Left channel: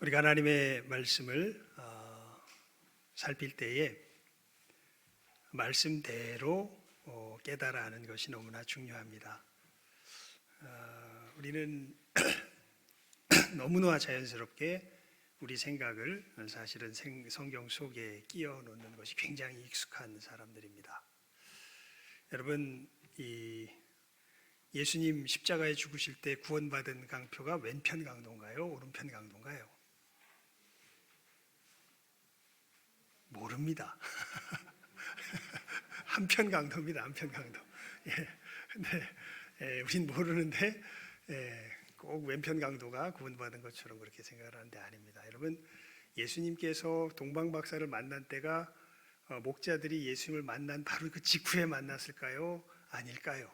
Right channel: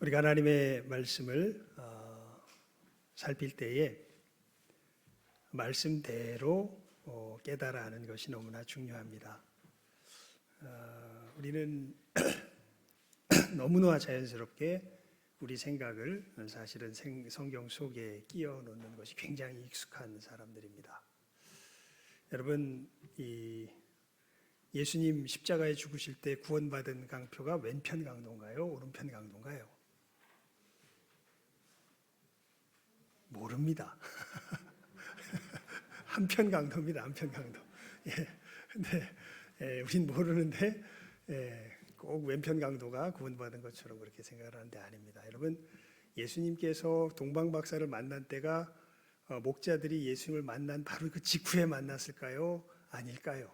우리가 하나님의 말씀을 살필 때에 말씀대로 깨달아 하는 것이 너무나 중요합니다. 우리는 너무나 자연스럽게 우리 생각을 사실은 성경 속에 끼워 넣는 것이 굉장히 익숙한 사람들입니다. 여러분, 예수님 십자가에 죽으실 때 구원받은 강표가 왼편 강도인가요? 오른편 강도인가요? 모릅니다. 한편 강도입니다. 한편 강도. 근데 우린 모르는데 꼭 왼편 강도가 구원받은 것처럼 그렇게 생각을 하는데 아닙니다. 여러분, 예수님께서 동방박사를 만난 때가 목자들이 예수님을 만난 바로 그 직후에 만났을까요? 아닐까요?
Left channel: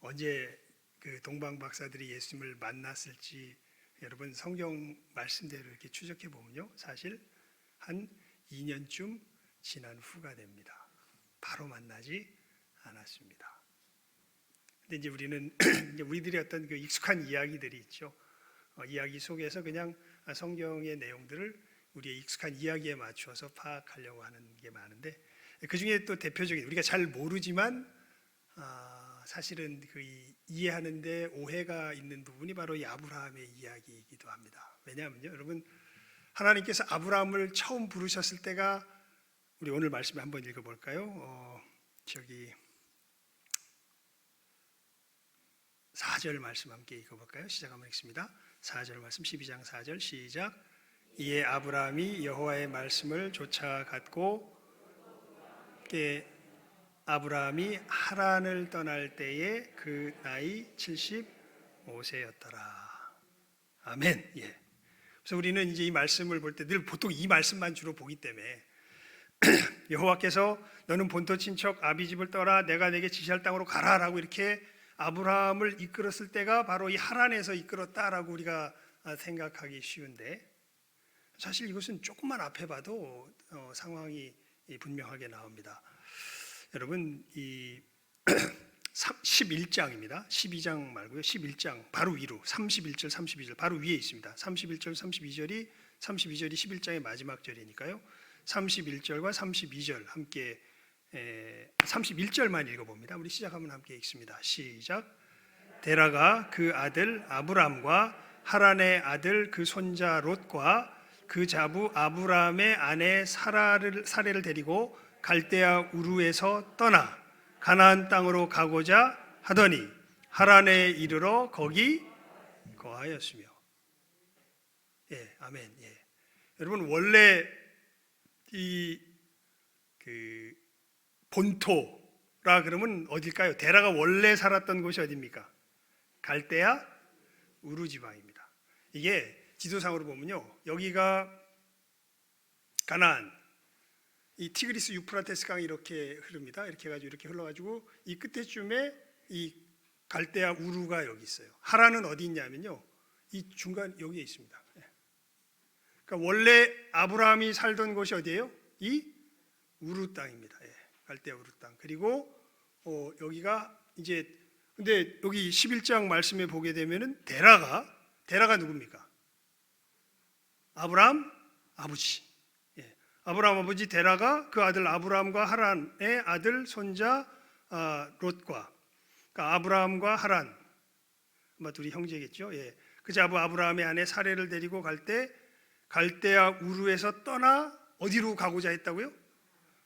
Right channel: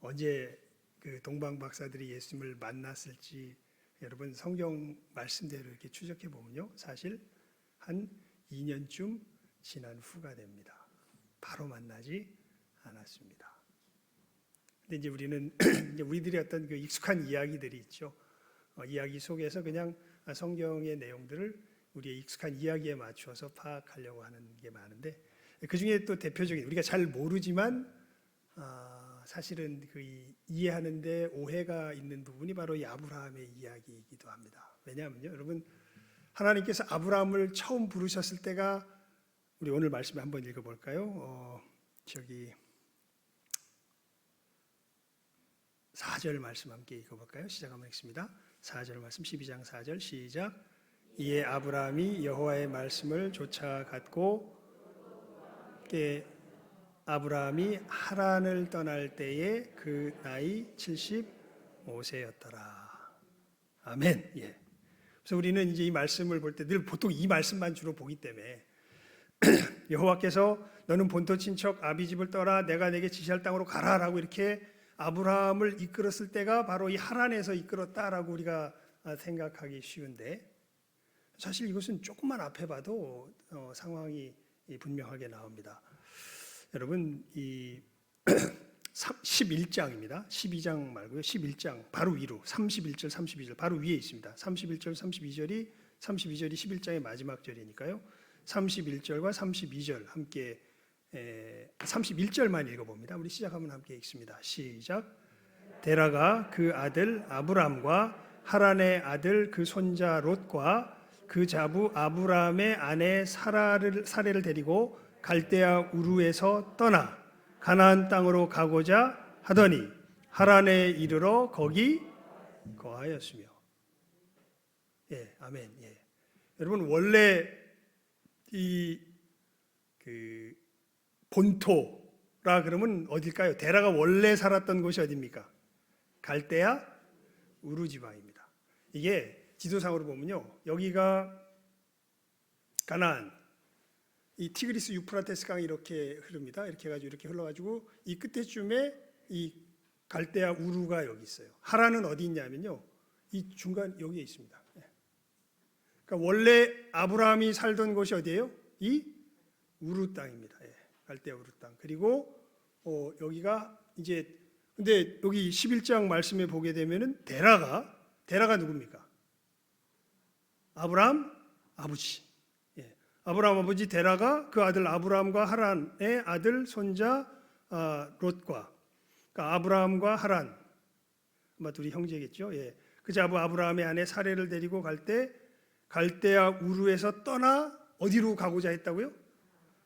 언제 그 동방박사들이 예수님을 만났을지 여러분 성경 말씀대로 이렇게 추적해 보면요, 사실 한 2년쯤 지난 후가 됩니다. 바로 만나지 않았습니다. 근데 이제 우리는 우리들의 어떤 그 익숙한 이야기들이 있죠. 이야기 속에서 그냥 성경의 내용들을 우리의 익숙한 이야기에 맞추어서 파악하려고 하는 게 많은데, 그 중에 또 대표적인 우리가 잘 모르지만 사실은 그 이해하는데 오해가 있는 부분이 바로 이 아브라함의 이야기이기도 합니다. 왜냐하면요, 여러분, 하나님께서 아브라함을 처음 부르셨을 때가, 우리 오늘 말씀 한번 읽어볼까요? 4절 말씀 함께 읽어볼까요? 시작 한번 읽습니다. 4절 말씀, 12장 4절 시작. 이에 아브라함이 여호와의 말씀을 쫓아갔고, 아브라함이 하란을 떠날 때에 그 나이 75세였더라. 아멘. 예. 그래서 우리는 이제 이 말씀을 볼 때 늘 보통 이 말씀만 주로 보기 때문에 여호와께서 너는 본토 친척 아비 집을 떠나 내가 내게 지시할 땅으로 가라라고 이렇게 아브라함을 이끌었을 때가 바로 이 하란에서 이끌었다라고 우리가 생각하기 쉬운데, 사실 이것은 조금만 앞에 봐도 상황이 분명하게 나옵니다. 여러분, 이 11장입니다. 12장 말고요. 11장 바로 위로 31절, 32절 바로 위에 있습니다. 31절, 32절이 11장의 마지막 절이니까요. 31절과 32절 함께 31절만 읽어봅니다. 우리 시작하면 함께 읽습니다. 시작. 데라가 그 아들 아브람과 하란의 아들 그 손자 롯과 그 자부 아브람의 아내 사레를 데리고 갈대아 우르에서 떠나 가나안 땅으로 가고자 하더니 하란에 이르러 거기 거하였으며. 예, 아멘. 예. 여러분, 원래 그 본토라 그러면 어딜까요? 데라가 원래 살았던 곳이 어디입니까? 갈대아 우르 지방입니다. 이게 지도상으로 보면요, 여기가 가나안, 이 티그리스 유프라테스 강이 이렇게 흐릅니다. 이렇게 해가지고 이렇게 흘러가지고 이 끝에쯤에 이 갈대아 우르가 여기 있어요. 하란은 어디 있냐면요, 이 중간 여기에 있습니다. 그러니까 원래 아브라함이 살던 곳이 어디예요? 이 우르 땅입니다. 갈대아 우르 땅. 그리고 여기가 이제, 근데 여기 11장 말씀에 보게 되면은 데라가 누굽니까? 아브라함 아버지. 아브라함 아버지 데라가 그 아들 아브라함과 하란의 아들 손자 롯과, 그러니까 아브라함과 하란 아마 둘이 형제겠죠. 예. 그 자부 아브라함의 아내 사레를 데리고 갈 때 갈대아 우르에서 떠나 어디로 가고자 했다고요?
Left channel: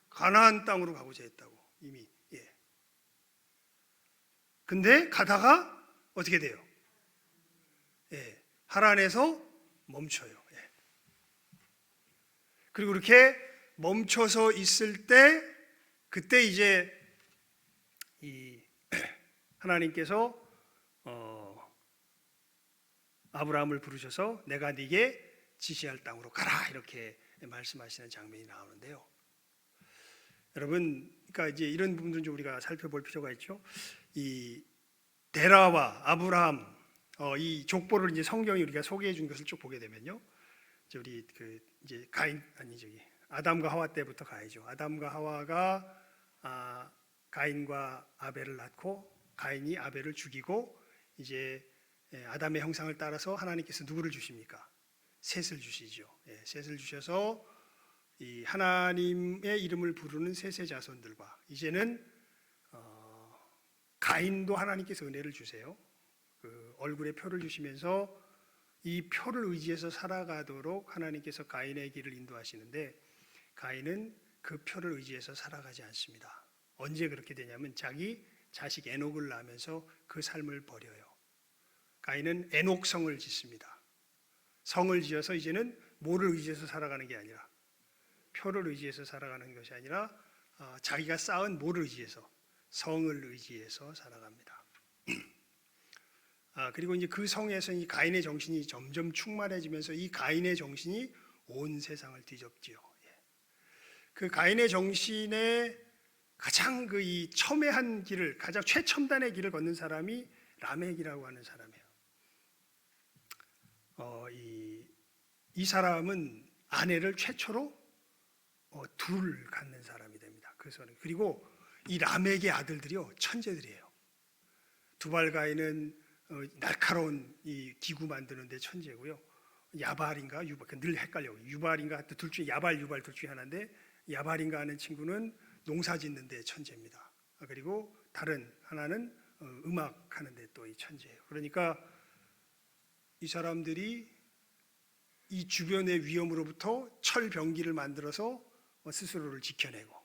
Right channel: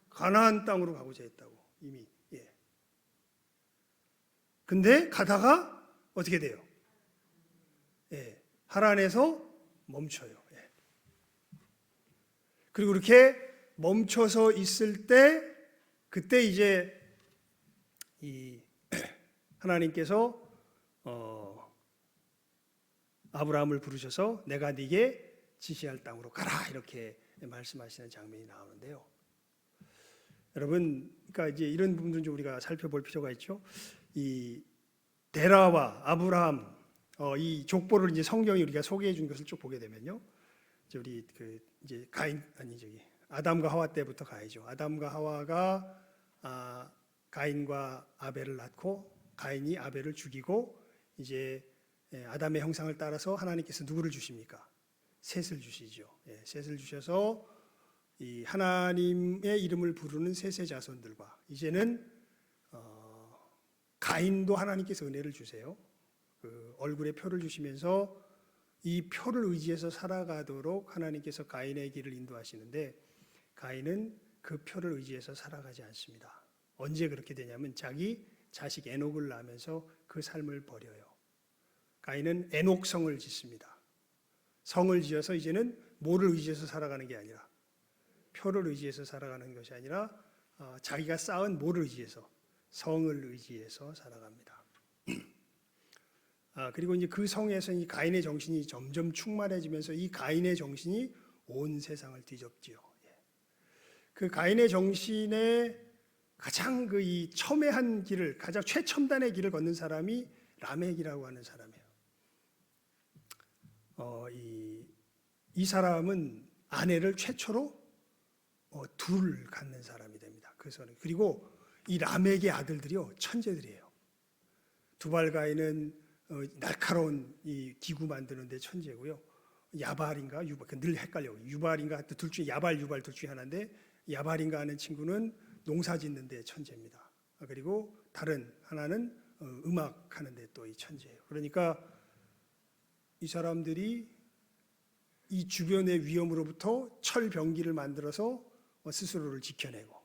가나안 땅으로 가고자 했다고 이미. 예. 근데 가다가 어떻게 돼요? 예. 하란에서 멈춰요. 그리고 그렇게 멈춰서 있을 때, 그때 이제 이 하나님께서 아브라함을 부르셔서 내가 네게 지시할 땅으로 가라 이렇게 말씀하시는 장면이 나오는데요. 여러분, 그러니까 이제 이런 부분들 좀 우리가 살펴볼 필요가 있죠. 이 데라와 아브라함 이 족보를 이제 성경이 우리가 소개해 준 것을 쭉 보게 되면요, 우리 이제 아담과 하와 때부터 가야죠. 아담과 하와가 가인과 아벨을 낳고 가인이 아벨을 죽이고, 이제 아담의 형상을 따라서 하나님께서 누구를 주십니까? 셋을 주시죠. 예, 셋을 주셔서 이 하나님의 이름을 부르는 셋의 자손들과 이제는 가인도 하나님께서 은혜를 주세요. 그 얼굴에 표를 주시면서 이 표를 의지해서 살아가도록 하나님께서 가인의 길을 인도하시는데 가인은 그 표를 의지해서 살아가지 않습니다. 언제 그렇게 되냐면 자기 자식 에녹을 낳으면서 그 삶을 버려요. 가인은 에녹성을 짓습니다. 성을 지어서 이제는 뭐를 의지해서 살아가는 게 아니라 표를 의지해서 살아가는 것이 아니라 자기가 쌓은 뭐를 의지해서 성을 의지해서 살아갑니다. 그리고 이제 그 성에서 이 가인의 정신이 점점 충만해지면서 이 가인의 정신이 온 세상을 뒤덮지요. 그 가인의 정신의 가장 그 이 첨예한 길을 가장 최첨단의 길을 걷는 사람이 라멕이라고 하는 사람이에요. 이 사람은 아내를 최초로 둘 갖는 사람이 됩니다. 그리고 이 라멕의 아들들이요 천재들이에요. 두발가인은 날카로운 이 기구 만드는데 천재고요. 야발인가 유발 늘 헷갈려요. 유발인가 둘 중에 야발 유발 둘 중에 하나인데 야발인가 하는 친구는 농사짓는데 천재입니다. 그리고 다른 하나는 음악하는데 또 이 천재예요. 그러니까 이 사람들이 이 주변의 위험으로부터 철병기를 만들어서 스스로를 지켜내고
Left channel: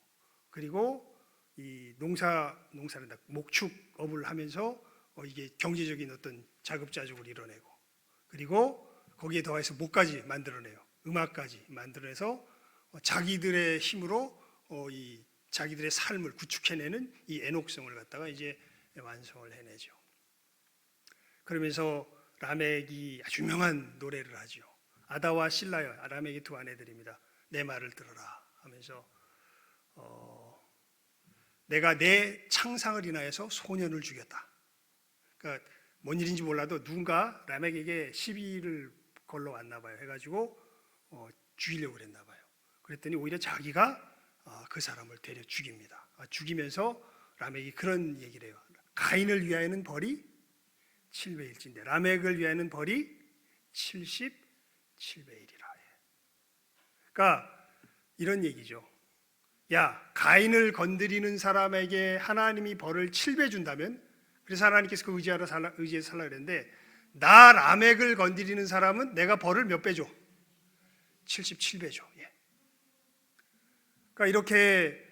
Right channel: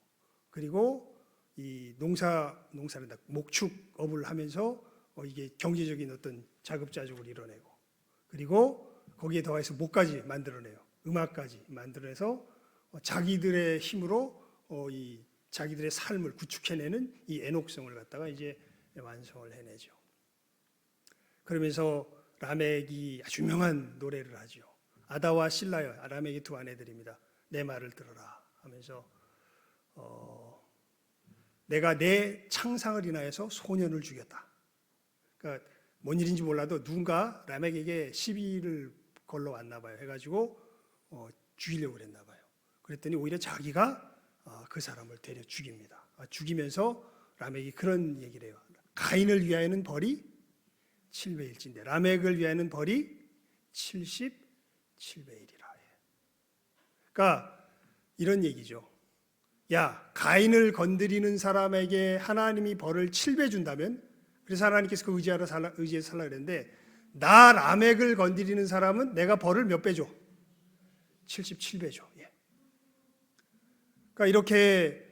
그리고 이 농사를 목축업을 하면서 이게 경제적인 어떤 자급자족을 이뤄내고 그리고 거기에 더해서 뭐까지 만들어내요. 음악까지 만들어내서 자기들의 힘으로 이 자기들의 삶을 구축해내는 이 에녹성을 갖다가 이제 완성을 해내죠. 그러면서 라멕이 아주 유명한 노래를 하죠. 아다와 실라여, 라멕의 두 아내들입니다. 내 말을 들어라 하면서 내가 내 창상을 인하여서 소년을 죽였다. 그러니까 뭔 일인지 몰라도 누군가 라멕에게 시비를 걸러 왔나 봐요. 해가지고 죽이려고 그랬나 봐요. 그랬더니 오히려 자기가 그 사람을 때려 죽입니다. 죽이면서 라멕이 그런 얘기를 해요. 가인을 위하여는 벌이 700일진데 라멕을 위하여는 벌이 77배이리라. 그러니까 이런 얘기죠. 야, 가인을 건드리는 사람에게 하나님이 벌을 7배 준다면 그래서 하나님께서 그 의지해서 살라 그랬는데 나 라멕을 건드리는 사람은 내가 벌을 몇 배 줘? 77배 줘. 예. 그러니까 이렇게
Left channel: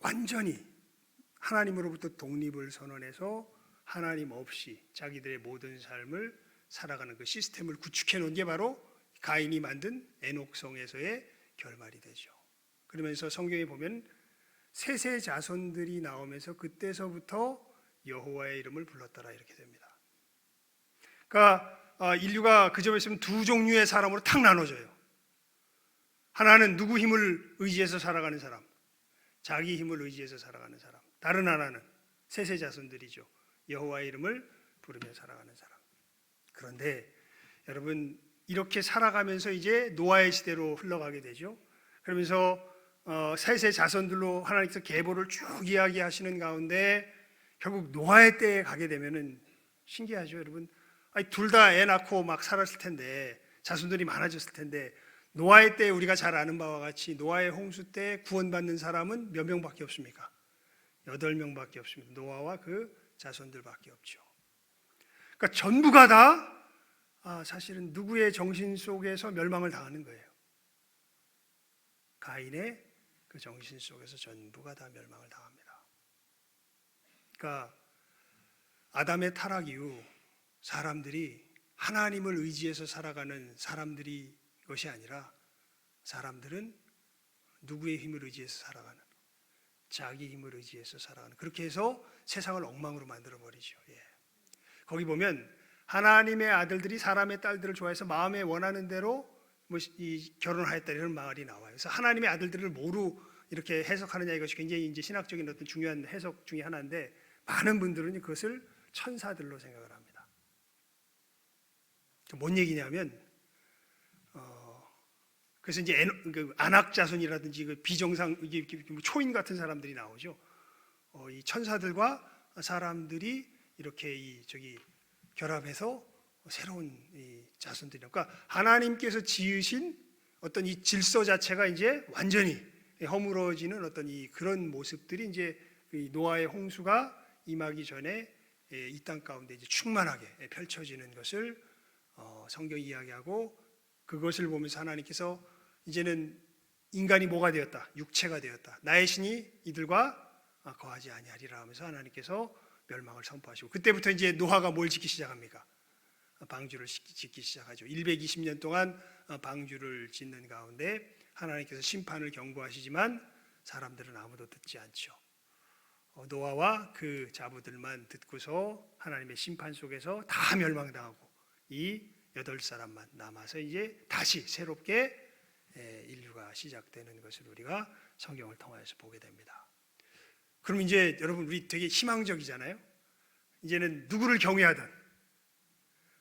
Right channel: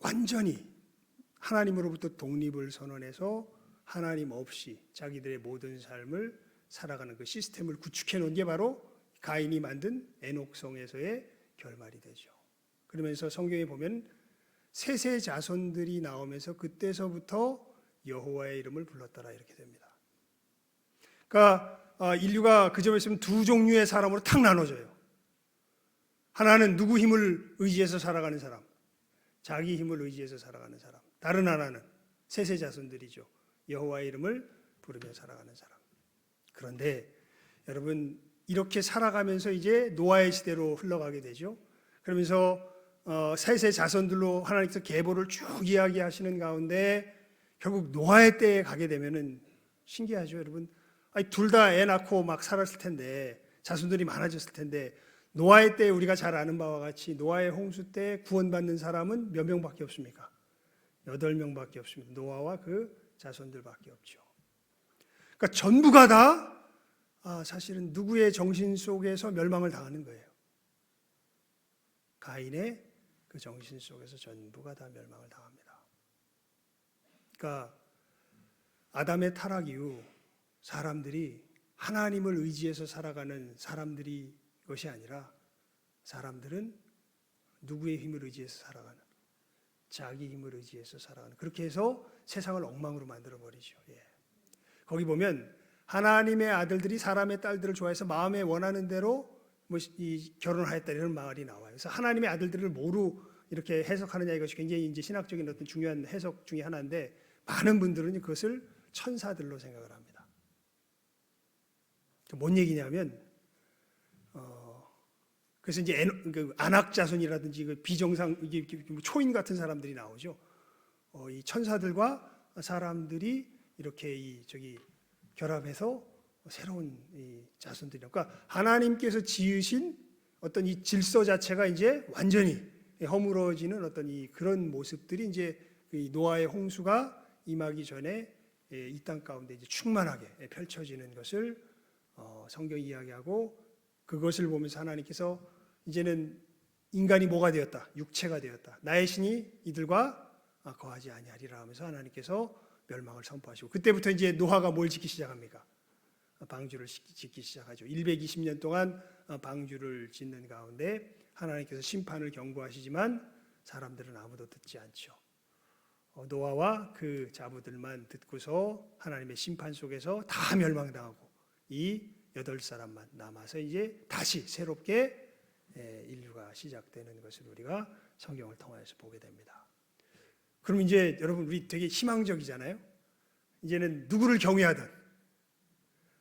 완전히 하나님으로부터 독립을 선언해서 하나님 없이 자기들의 모든 삶을 살아가는 그 시스템을 구축해 놓은 게 바로 가인이 만든 에녹성에서의 결말이 되죠. 그러면서 성경에 보면 셋의 자손들이 나오면서 그때서부터 여호와의 이름을 불렀더라 이렇게 됩니다. 그러니까 인류가 그 점에 있으면 두 종류의 사람으로 탁 나눠져요. 하나는 누구 힘을 의지해서 살아가는 사람, 자기 힘을 의지해서 살아가는 사람. 다른 하나는 셋의 자손들이죠. 여호와의 이름을 부르며 살아가는 사람. 그런데 여러분 이렇게 살아가면서 이제 노아의 시대로 흘러가게 되죠. 그러면서 셋의 자손들로 하나님께서 계보를 쭉 이야기하시는 가운데 결국 노아의 때에 가게 되면은 신기하죠, 여러분. 둘 다 애 낳고 막 살았을 텐데 자손들이 많아졌을 텐데 노아의 때 우리가 잘 아는 바와 같이 노아의 홍수 때 구원받는 사람은 몇 명밖에 없습니까? 8명밖에 없습니다. 노아와 그 자손들밖에 없죠. 그러니까 전부가 다 사실은 누구의 정신 속에서 멸망을 당하는 거예요. 가인의 그 정신 속에서 전부가 다 멸망을 당합니다. 그러니까 아담의 타락 이후 사람들이 하나님을 의지해서 살아가는 사람들이 것이 아니라 사람들은 누구의 힘을 의지해서 살아가는 자기 힘을 의지해서 살아가는 그렇게 해서 세상을 엉망으로 만들어버리죠. 예. 거기 보면 하나님의 아들들이 사람의 딸들을 좋아해서 마음에 원하는 대로 결혼하였다 이런 말이 나와요. 그래서 하나님의 아들들을 뭐로 이렇게 해석하느냐 이것이 굉장히 이제 신학적인 어떤 중요한 해석 중에 하나인데 많은 분들은 그것을 천사들로 생각을 합니다. 뭔 얘기냐면 그래서 이제 안악자손이라든지 그 비정상 초인 같은 사람들이 나오죠. 이 천사들과 사람들이 이렇게 결합해서 새로운 이 자손들이라. 그러니까 하나님께서 지으신 어떤 이 질서 자체가 이제 완전히 허물어지는 어떤 이 그런 모습들이 이제 이 노아의 홍수가 임하기 전에 이 땅 가운데 이제 충만하게 펼쳐지는 것을 성경이 이야기하고, 그것을 보면서 하나님께서 이제는 인간이 뭐가 되었다, 육체가 되었다, 나의 신이 이들과 거하지 아니하리라 하면서 하나님께서 멸망을 선포하시고, 그때부터 이제 노아가 뭘 짓기 시작합니까? 방주를 짓기 시작하죠. 120년 동안 방주를 짓는 가운데 하나님께서 심판을 경고하시지만 사람들은 아무도 듣지 않죠. 노아와 그 자부들만 듣고서 하나님의 심판 속에서 다 멸망당하고 이 8사람만 남아서 이제 다시 새롭게 인류가 시작되는 것을 우리가 성경을 통해서 보게 됩니다. 그럼 이제 여러분, 우리 되게 희망적이잖아요. 이제는 누구를 경외하든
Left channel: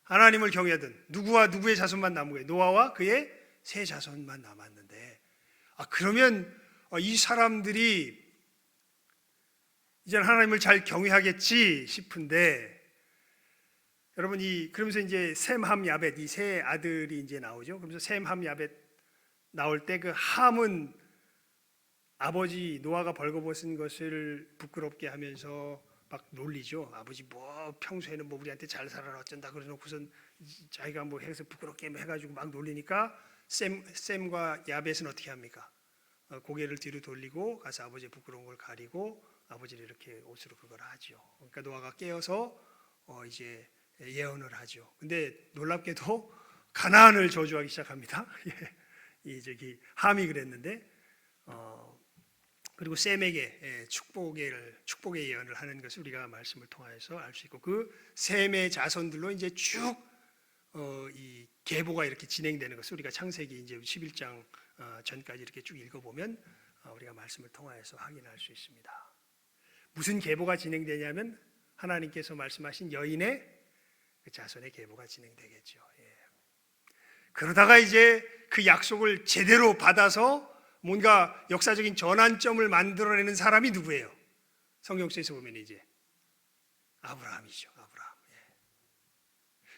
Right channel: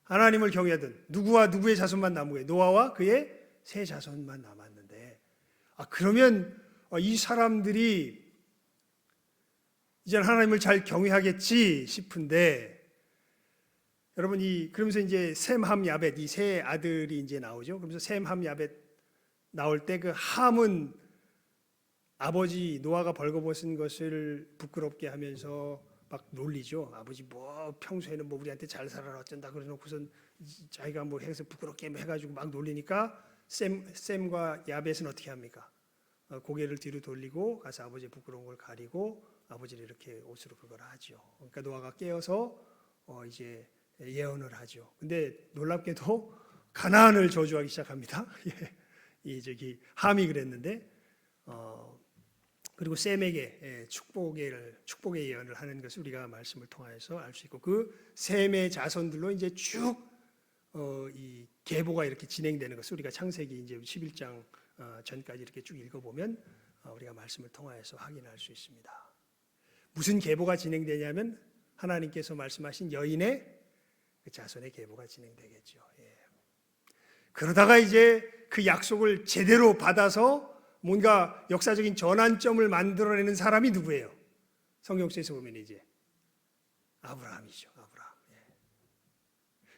하나님을 경외하든 누구와 누구의 자손만 남은 거예요. 노아와 그의 세 자손만 남았는데, 그러면 이 사람들이 이제 하나님을 잘 경외하겠지 싶은데, 여러분, 그러면서 이제 셈, 함, 야벳 이 세 아들이 이제 나오죠. 그러면서 셈, 함, 야벳 나올 때 그 함은 아버지 노아가 벌거벗은 것을 부끄럽게 하면서 막 놀리죠. 아버지 뭐 평소에는 뭐 우리한테 잘 살아라 어쩐다 그러놓고선 자기가 뭐 해서 부끄럽게 해가지고 막 놀리니까 셈과 야벳은 어떻게 합니까? 고개를 뒤로 돌리고 가서 아버지의 부끄러운 걸 가리고 아버지를 이렇게 옷으로 그걸 하죠. 그러니까 노아가 깨어서 이제 예언을 하죠. 근데 놀랍게도 가나안을 저주하기 시작합니다. 이 저기 함이 그랬는데, 그리고 셈에게 축복의 예언을 하는 것을 우리가 말씀을 통해서 알 수 있고, 그 셈의 자손들로 이제 쭉 이 계보가 이렇게 진행되는 것을 우리가 창세기 이제 11장 전까지 이렇게 쭉 읽어보면 우리가 말씀을 통해서 확인할 수 있습니다. 무슨 계보가 진행되냐면 하나님께서 말씀하신 여인의 그 자손의 계보가 진행되겠죠. 그러다가 이제 그 약속을 제대로 받아서 뭔가 역사적인 전환점을 만들어내는 사람이 누구예요? 성경책에서 보면 이제 아브라함이죠. 아브라함.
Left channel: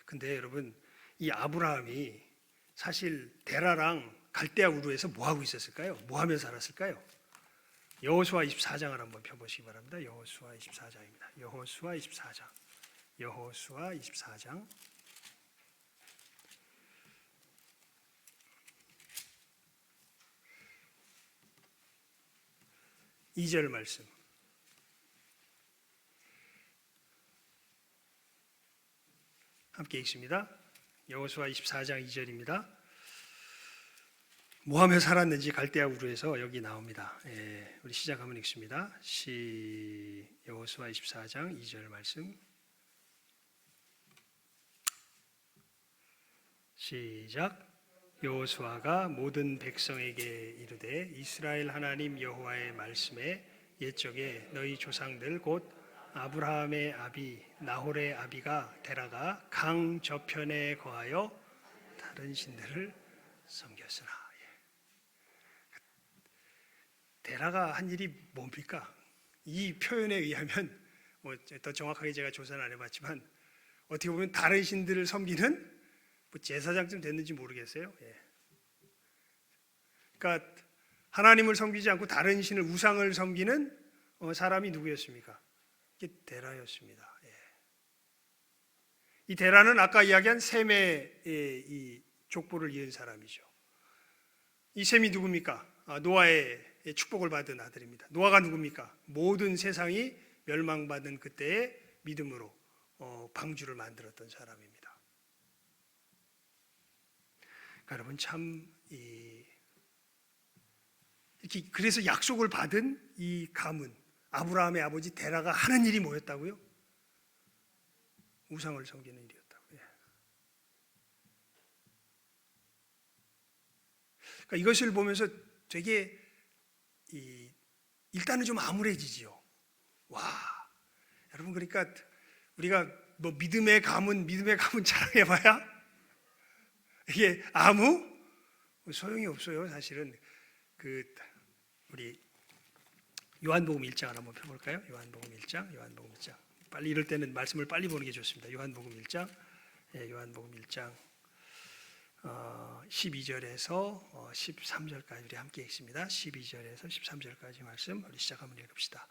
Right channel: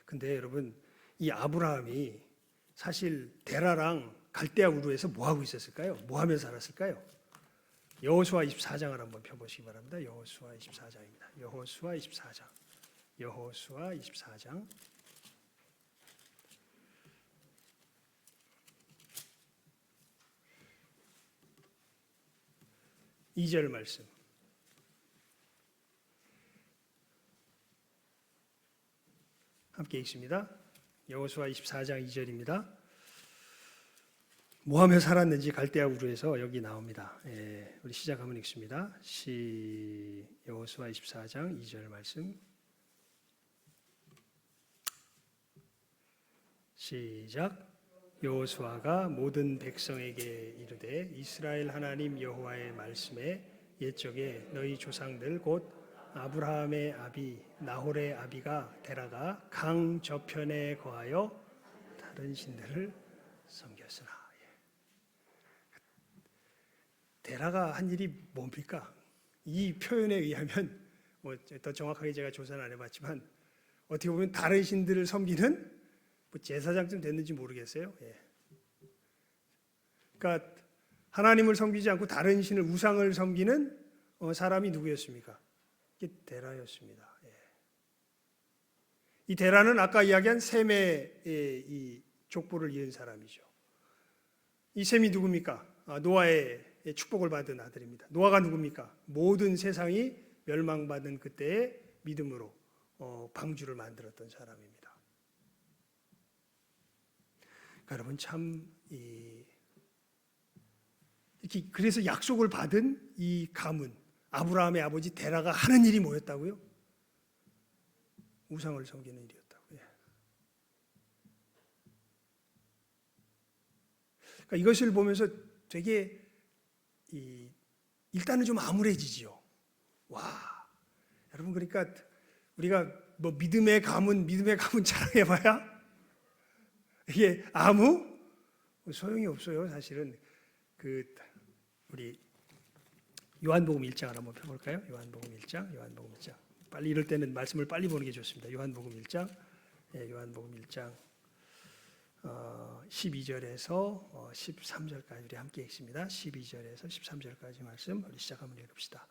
근데 여러분, 이 아브라함이 사실 데라랑 갈대아 우르에서 뭐 하고 있었을까요? 뭐 하며 살았을까요? 여호수아 24장을 한번 펴보시기 바랍니다. 여호수아 24장입니다. 여호수아 24장. 여호수아 24장. 2절 말씀. 함께 읽습니다. 여호수아 24장 2절입니다. 뭐 하며 살았는지 갈대아 우르에서 여기 나옵니다. 우리 시작하면 읽습니다. 여호수아 24장 2절 말씀. 시작. 여호수아가 모든 백성에게 이르되 이스라엘 하나님 여호와의 말씀에 옛적에 너희 조상들 곧 아브라함의 아비 나홀의 아비가 데라가 강 저편에 거하여 다른 신들을 섬겼으나. 데라가 한 일이 뭡니까? 이 표현에 의하면 더 정확하게 제가 조사는 안 해봤지만 어떻게 보면 다른 신들을 섬기는 제사장쯤 됐는지 모르겠어요. 그러니까 하나님을 섬기지 않고 다른 신을, 우상을 섬기는 사람이 누구였습니까? 이게 데라였습니다. 이 데라는 아까 이야기한 셈의 이 족보를 이은 사람이죠. 이 셈이 누굽니까? 노아의 축복을 받은 아들입니다. 노아가 누굽니까? 모든 세상이 멸망받은 그때의 믿음으로 방주를 만들었던 사람입니다. 여러분, 참 이렇게 그래서 약속을 받은 이 가문 아브라함의 아버지 데라가 하는 일이 뭐였다고요? 우상을 섬기는 일이었다고. 그러니까 이것을 보면서 되게 일단은 좀 암울해지지요. 와, 여러분, 그러니까 우리가 뭐 믿음의 가문 자랑해봐야 이게 아무 소용이 없어요. 사실은 우리 요한복음 1장을 한번 펴볼까요? 요한복음 1장. 빨리 이럴 때는 말씀을 빨리 보는 게 좋습니다. 요한복음 1장 요한복음 1장 12절에서 13절까지 우리 함께 읽습니다. 12절에서 13절까지 말씀 우리 시작 한번 읽읍시다.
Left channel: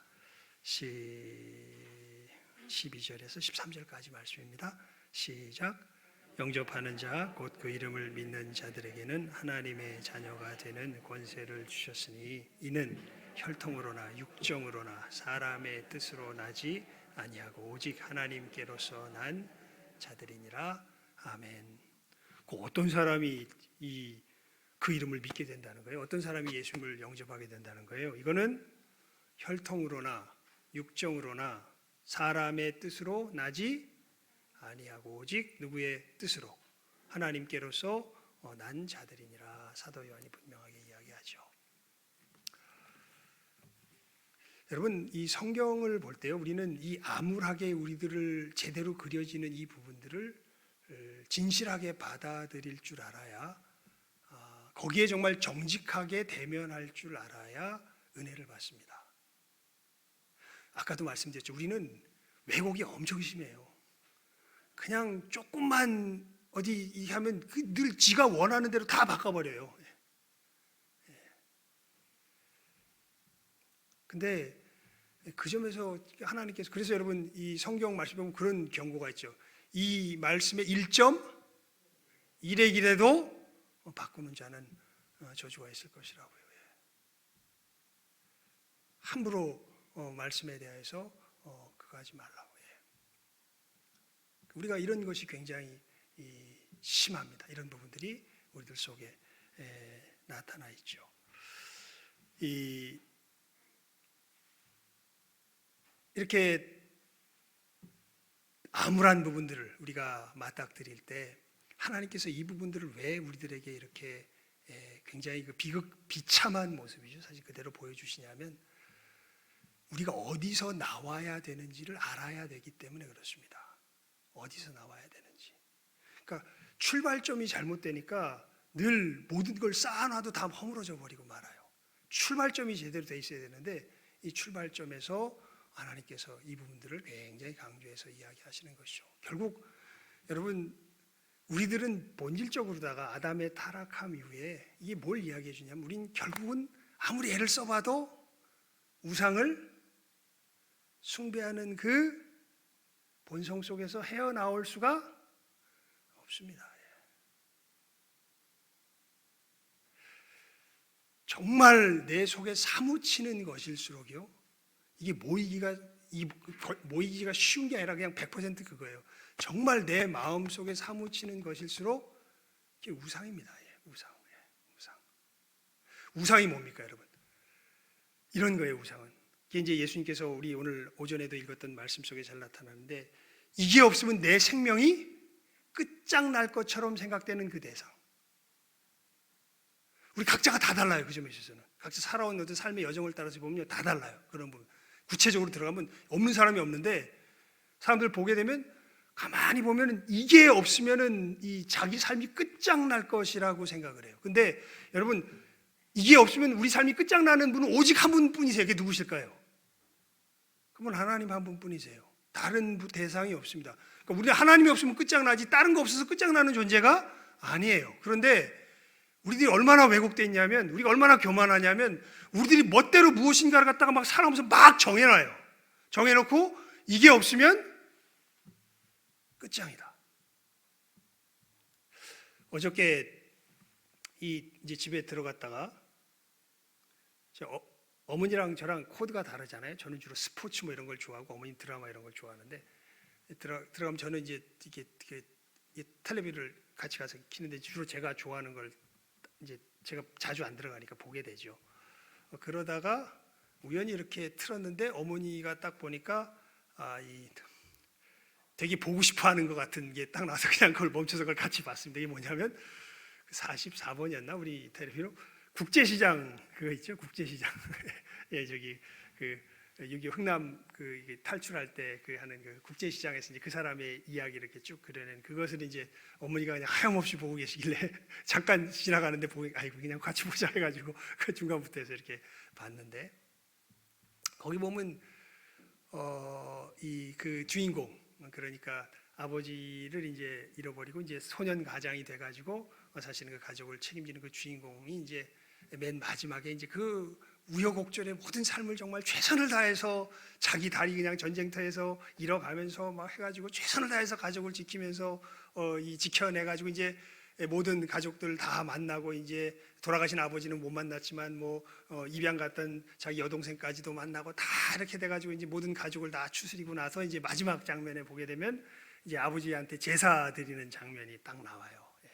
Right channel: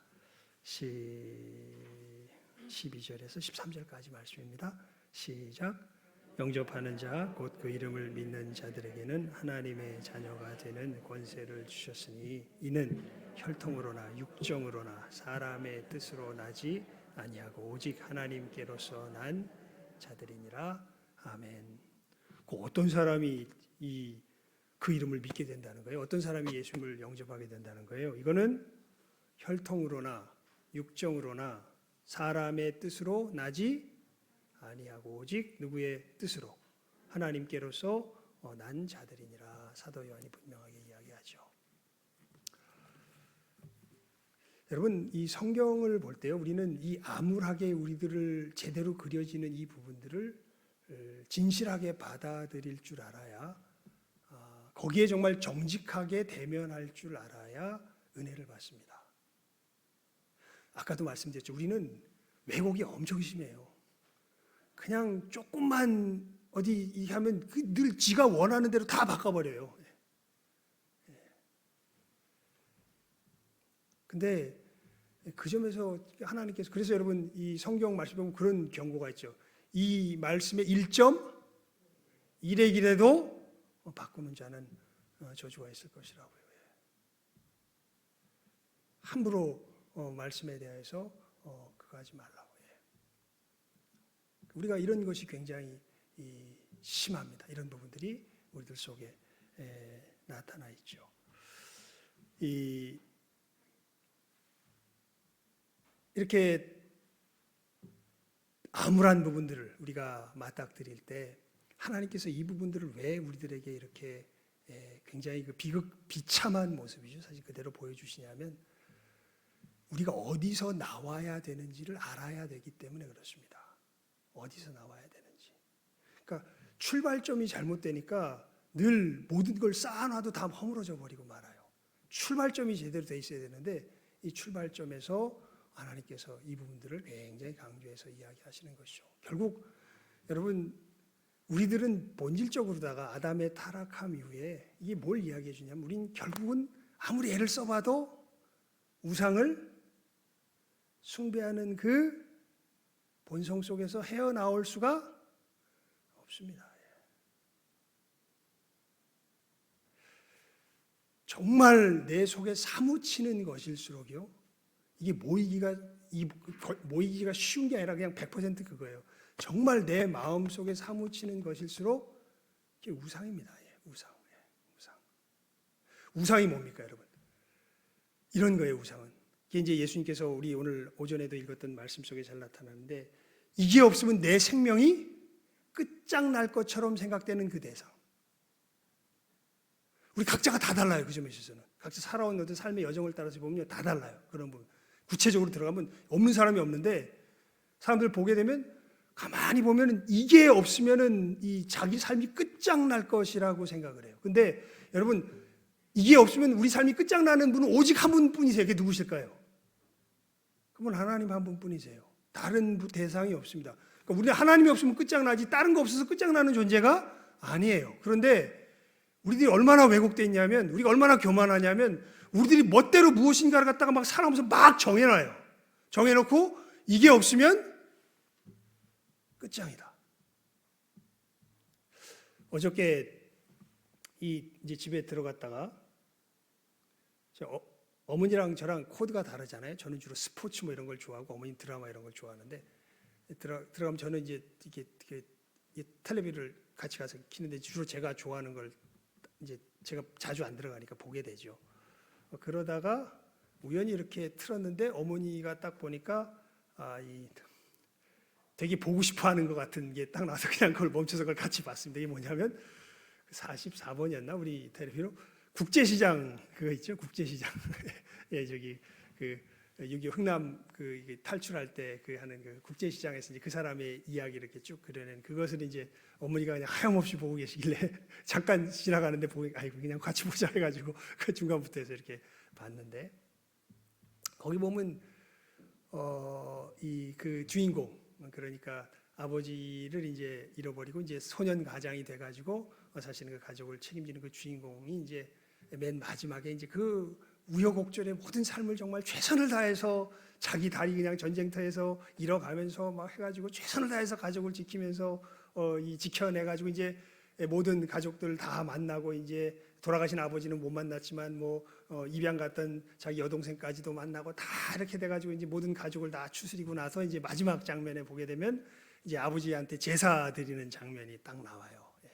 12절에서 13절까지 말씀입니다. 시작. 영접하는 자 곧 그 이름을 믿는 자들에게는 하나님의 자녀가 되는 권세를 주셨으니 이는 혈통으로나 육정으로나 사람의 뜻으로 나지 아니하고 오직 하나님께로서 난 자들이니라. 아멘. 어떤 사람이 그 이름을 믿게 된다는 거예요? 어떤 사람이 예수님을 영접하게 된다는 거예요? 이거는 혈통으로나 육정으로나 사람의 뜻으로 나지 아니하고 오직 누구의 뜻으로? 하나님께로서 난 자들이니라. 사도 요한이 분명하게 이야기하죠. 여러분, 이 성경을 볼 때요, 우리는 이 암울하게 우리들을 제대로 그려지는 이 부분들을 진실하게 받아들일 줄 알아야, 거기에 정말 정직하게 대면할 줄 알아야 은혜를 받습니다. 아까도 말씀드렸죠. 우리는 왜곡이 엄청 심해요. 그냥 조금만 어디 하면 늘 지가 원하는 대로 다 바꿔버려요. 근데 그 점에서 하나님께서, 그래서 여러분 이 성경 말씀 보면 그런 경고가 있죠. 이 말씀의 1.1의 길에도 바꾸는 자는 저주가 있을 것이라고요. 함부로 말씀에 대해서 그거 하지 말라고. 우리가 이런 것이 굉장히 심합니다. 이런 부분들이 우리들 속에 나타나 있죠. 이렇게 암울한 부분들을 우리가 맞닥뜨릴 때 하나님께서 이 부분들을 왜 우리들에게 이렇게 굉장히 그 비참한 모습이죠. 사실 그대로 보여주시냐면 우리가 어디서 나와야 되는지를 알아야 되기 때문에 그렇습니다. 어디서 나와야 되는지. 그러니까 출발점이 잘못되니까 늘 모든 걸 쌓아놔도 다 허물어져 버리고 말아요. 출발점이 제대로 돼 있어야 되는데 이 출발점에서 하나님께서 이 부분들을 굉장히 강조해서 이야기하시는 것이죠. 결국 여러분 우리들은 본질적으로다가 아담의 타락함 이후에 이게 뭘 이야기해 주냐면 우린 결국은 아무리 애를 써봐도 우상을 숭배하는 그 본성 속에서 헤어나올 수가 없습니다. 정말 내 속에 사무치는 것일수록요, 이게 모이기가 쉬운 게 아니라 그냥 100% 그거예요. 정말 내 마음 속에 사무치는 것일수록 이게 우상입니다. 우상. 우상이 뭡니까, 여러분? 이런 거예요, 우상은. 이게 이제 예수님께서 우리 오늘 오전에도 읽었던 말씀 속에 잘 나타나는데 이게 없으면 내 생명이 끝장날 것처럼 생각되는 그 대상. 우리 각자가 다 달라요. 그 점에 있어서는. 각자 살아온 어떤 삶의 여정을 따라서 보면 다 달라요. 그런 부분. 구체적으로 들어가면 없는 사람이 없는데 사람들 보게 되면 가만히 보면 이게 없으면 이 자기 삶이 끝장날 것이라고 생각을 해요. 근데 여러분 이게 없으면 우리 삶이 끝장나는 분은 오직 한 분뿐이세요. 그게 누구실까요? 그분 하나님 한 분뿐이세요. 다른 대상이 없습니다. 그러니까 우리 하나님이 없으면 끝장나지 다른 거 없어서 끝장나는 존재가 아니에요. 그런데 우리들이 얼마나 왜곡되어 있냐면 우리가 얼마나 교만하냐면 우리들이 멋대로 무엇인가를 갖다가 막 살아오면서 막 정해놔요. 정해놓고 이게 없으면 끝장이다. 어저께 이제 집에 들어갔다가 어머니랑 저랑 코드가 다르잖아요. 저는 주로 스포츠 뭐 이런 걸 좋아하고 어머니 드라마 이런 걸 좋아하는데 들어가면 저는 이제 이게 텔레비를 같이 가서 키는데 주로 제가 좋아하는 걸 이제 제가 자주 안 들어가니까 보게 되죠. 그러다가 우연히 이렇게 틀었는데 어머니가 딱 보니까 되게 보고 싶어하는 것 같은 게 딱 나서 그냥 그걸 멈춰서 그걸 같이 봤습니다. 이게 뭐냐면 44번이었나 우리 텔레비로 국제시장 그거 있죠. 국제시장 예 저기 여기 흥남 탈출할 때 하는 그 국제시장에서 이제 그 사람의 이야기를 이렇게 쭉 그려낸 그것을 이제 어머니가 그냥 하염없이 보고 계시길래 잠깐 지나가는데 보니까 아이고 그냥 같이 보자 해가지고 그 중간부터 해서 이렇게 봤는데 거기 보면 그 주인공 그러니까 아버지를 이제 잃어버리고 이제 소년 가장이 돼가지고 사실은 그 가족을 책임지는 그 주인공이 이제 맨 마지막에 이제 그 우여곡절의 모든 삶을 정말 최선을 다해서 자기 다리 그냥 전쟁터에서 잃어가면서 막 해가지고 최선을 다해서 가족을 지키면서 이 지켜내가지고 이제 모든 가족들 다 만나고 이제 돌아가신 아버지는 못 만났지만 뭐 입양 갔던 자기 여동생까지도 만나고 다 이렇게 돼가지고 이제 모든 가족을 다 추스리고 나서 이제 마지막 장면에 보게 되면 이제 아버지한테 제사 드리는 장면이 딱 나와요. 예.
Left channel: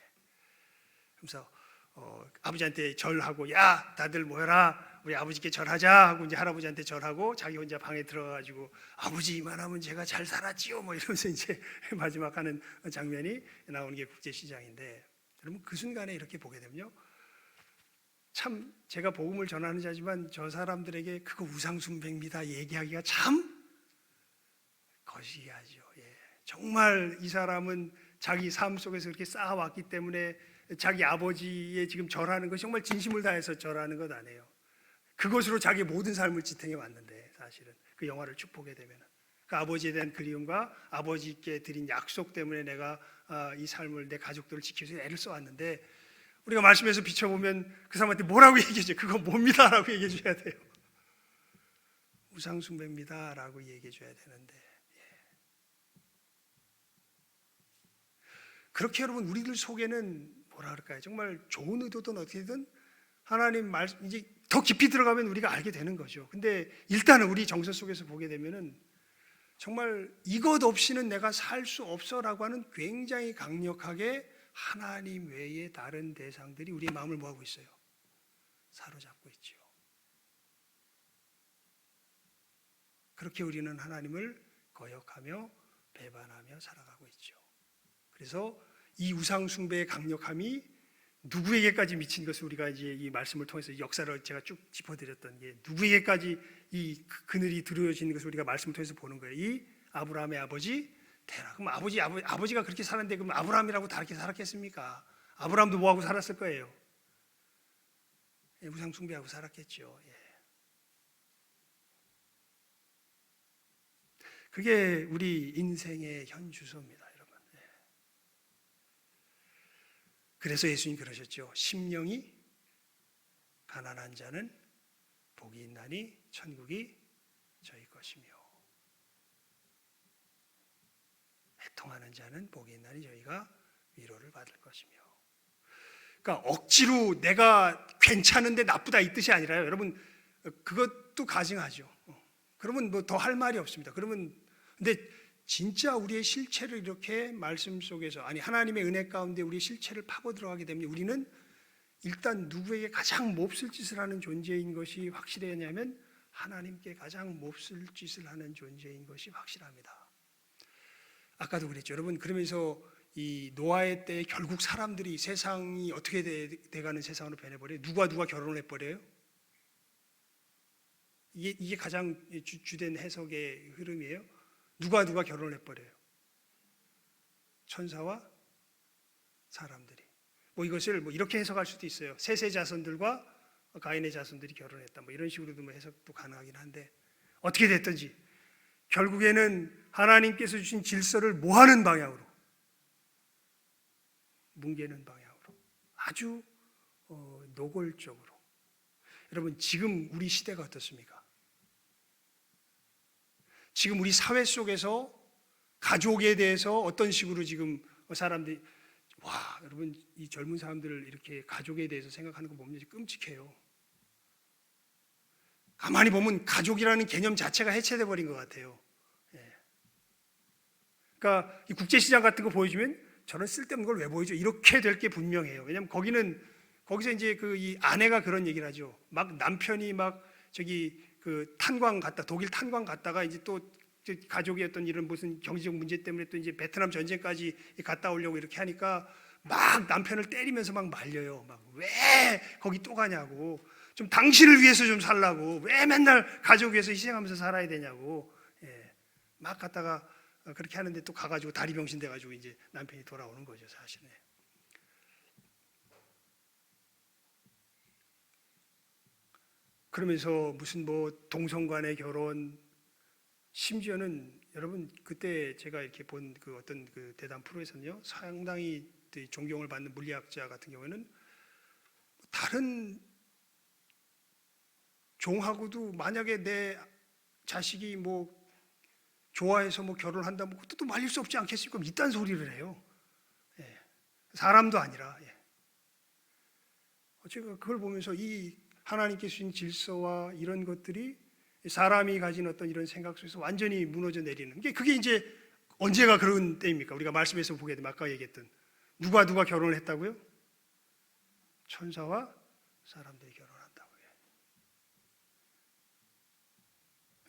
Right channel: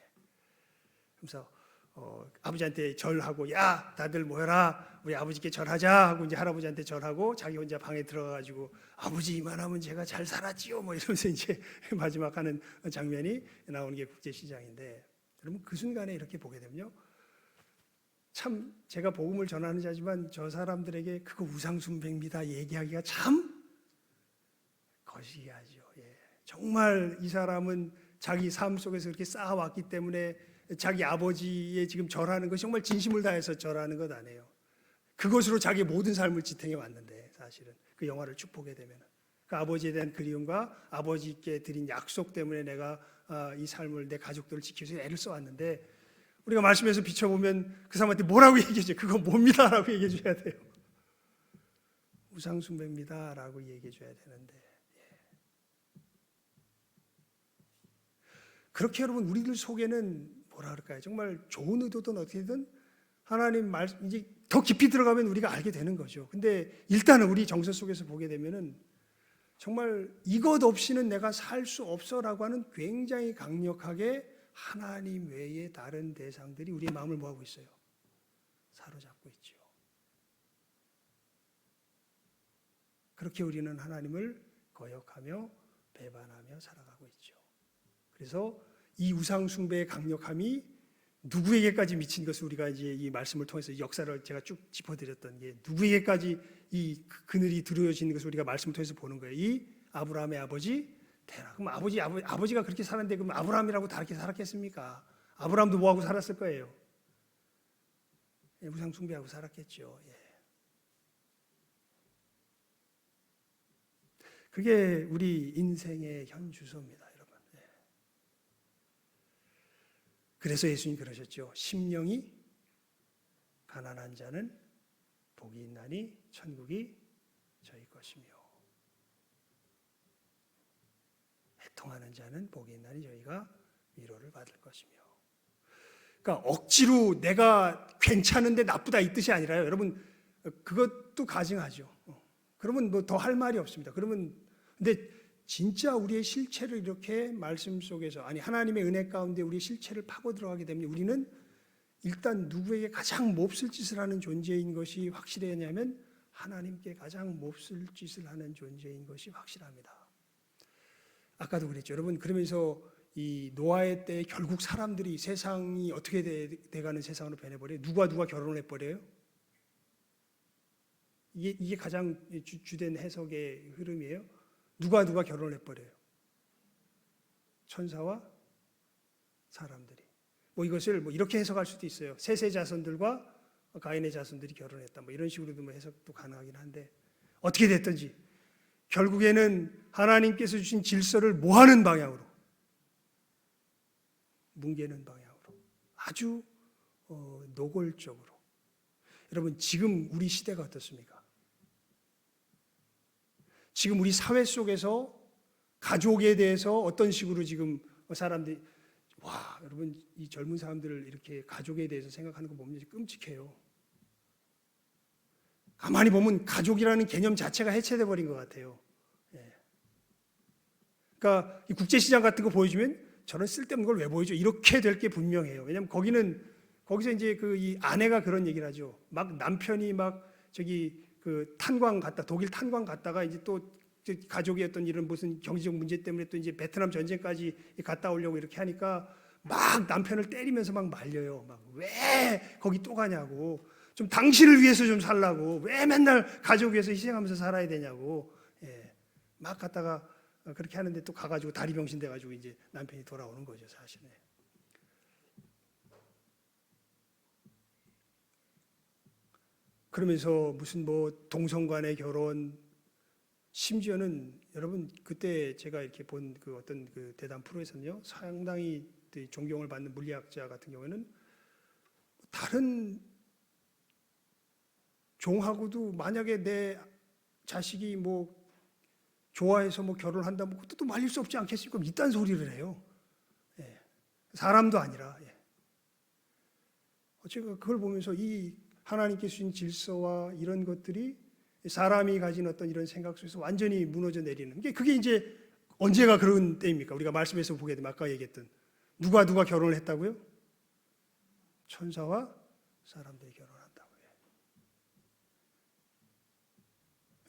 그래서 아버지한테 절하고 야 다들 모여라 우리 아버지께 절하자 하고 이제 할아버지한테 절하고 자기 혼자 방에 들어가가지고 아버지 이만하면 제가 잘 살았지요 뭐 이러면서 이제 마지막 하는 장면이 나오는 게 국제시장인데 여러분 그 순간에 이렇게 보게 되면요 참 제가 복음을 전하는 자지만 저 사람들에게 그거 우상숭배입니다 얘기하기가 참 거시기하죠. 예. 정말 이 사람은 자기 삶 속에서 이렇게 쌓아왔기 때문에 자기 아버지의 지금 절하는 것이 정말 진심을 다해서 절하는 것 아니에요. 그것으로 자기 모든 삶을 지탱해 왔는데 사실은 그 영화를 쭉 보게 되면 그 아버지에 대한 그리움과 아버지께 드린 약속 때문에 내가 이 삶을 내 가족들을 지키기 위해서 애를 써왔는데 우리가 말씀에서 비춰보면 그 사람한테 뭐라고 얘기해줘요? 그거 뭡니다 라고 얘기해줘야 돼요. 우상숭배입니다 라고 얘기해줘야 되는데 그렇게 여러분 우리들 속에는 뭐라 그럴까요? 정말 좋은 의도든 어떻게든 하나님 말 이제 더 깊이 들어가면 우리가 알게 되는 거죠. 근데 일단은 우리 정서 속에서 보게 되면은 정말 이것 없이는 내가 살 수 없어라고 하는 굉장히 강력하게 하나님 외에 다른 대상들이 우리의 마음을 뭐하고 있어요? 사로잡고 있죠. 그렇게 우리는 하나님을 거역하며 배반하며 살아가고 있죠. 그래서 이 우상 숭배의 강력함이 누구에게까지 미친 것을 우리가 이제 이 말씀을 통해서 역사를 제가 쭉 짚어드렸던 게 누구에게까지 이 그늘이 들어지는 것을 우리가 말씀을 통해서 보는 거예요. 이 아브라함의 아버지 테라. 그럼 아버지가 그렇게 살았는데 그럼 아브라함이라고 다르게 살았겠습니까? 아브라함도 뭐하고 살았을 거예요? 예, 우상 숭배하고 살았겠죠. 예. 그게 우리 인생의 현 주소입니다. 그래서 예수님 그러셨죠. 심령이 가난한 자는 복이 있나니 천국이 저희 것이며 애통하는 자는 복이 있나니 저희가 위로를 받을 것이며. 그러니까 억지로 내가 괜찮은데 나쁘다 이 뜻이 아니라요. 여러분 그것도 가증하죠. 그러면 뭐 더 할 말이 없습니다. 그러면 근데 진짜 우리의 실체를 이렇게 말씀 속에서 아니 하나님의 은혜 가운데 우리의 실체를 파고 들어가게 되면 우리는 일단 누구에게 가장 몹쓸 짓을 하는 존재인 것이 확실하냐면 하나님께 가장 몹쓸 짓을 하는 존재인 것이 확실합니다. 아까도 그랬죠. 여러분 그러면서 이 노아의 때에 결국 사람들이 세상이 어떻게 돼가는 세상으로 변해버려요. 누가 결혼을 해버려요. 이게 가장 주된 해석의 흐름이에요. 누가 결혼을 해버려요. 천사와 사람들이. 뭐 이것을 뭐 이렇게 해석할 수도 있어요. 셋의 자손들과 가인의 자손들이 결혼했다. 뭐 이런 식으로도 뭐 해석도 가능하긴 한데 어떻게 됐든지 결국에는 하나님께서 주신 질서를 모하는 방향으로 뭉개는 방향으로 아주 노골적으로. 여러분 지금 우리 시대가 어떻습니까? 지금 우리 사회 속에서 가족에 대해서 어떤 식으로 지금 사람들이 여러분 이 젊은 사람들을 이렇게 가족에 대해서 생각하는 거 보면 끔찍해요. 가만히 보면 가족이라는 개념 자체가 해체돼 버린 것 같아요. 예. 그러니까 이 국제시장 같은 거 보여주면 저는 쓸데없는 걸 왜 보여줘? 이렇게 될 게 분명해요. 왜냐하면 거기서 이제 이 아내가 그런 얘기를 하죠. 막 남편이 막 그 탄광 갔다 독일 탄광 갔다가 이제 또 가족의 어떤 이런 무슨 경제적 문제 때문에 또 이제 베트남 전쟁까지 갔다 오려고 이렇게 하니까 막 남편을 때리면서 막 말려요. 막 왜 거기 또 가냐고. 좀 당신을 위해서 좀 살라고. 왜 맨날 가족 위해서 희생하면서 살아야 되냐고. 예. 막 갔다가 그렇게 하는데 또 가가지고 다리 병신 돼가지고 이제 남편이 돌아오는 거죠, 사실은. 그러면서 무슨 뭐 동성 간의 결혼, 심지어는 여러분 그때 제가 이렇게 본 그 어떤 그 대담 프로에서는요, 상당히 존경을 받는 물리학자 같은 경우에는 다른 종하고도 만약에 내 자식이 뭐 좋아해서 뭐 결혼한다면 그것도 말릴 수 없지 않겠습니까? 이딴 소리를 해요. 예. 사람도 아니라. 예. 제가 그걸 보면서 이 하나님께 주신 질서와 이런 것들이 사람이 가진 어떤 이런 생각 속에서 완전히 무너져 내리는 게, 그게 이제 언제가 그런 때입니까? 우리가 말씀에서 보게 되면 아까 얘기했던 누가 결혼을 했다고요? 천사와 사람들이 결혼한다고요.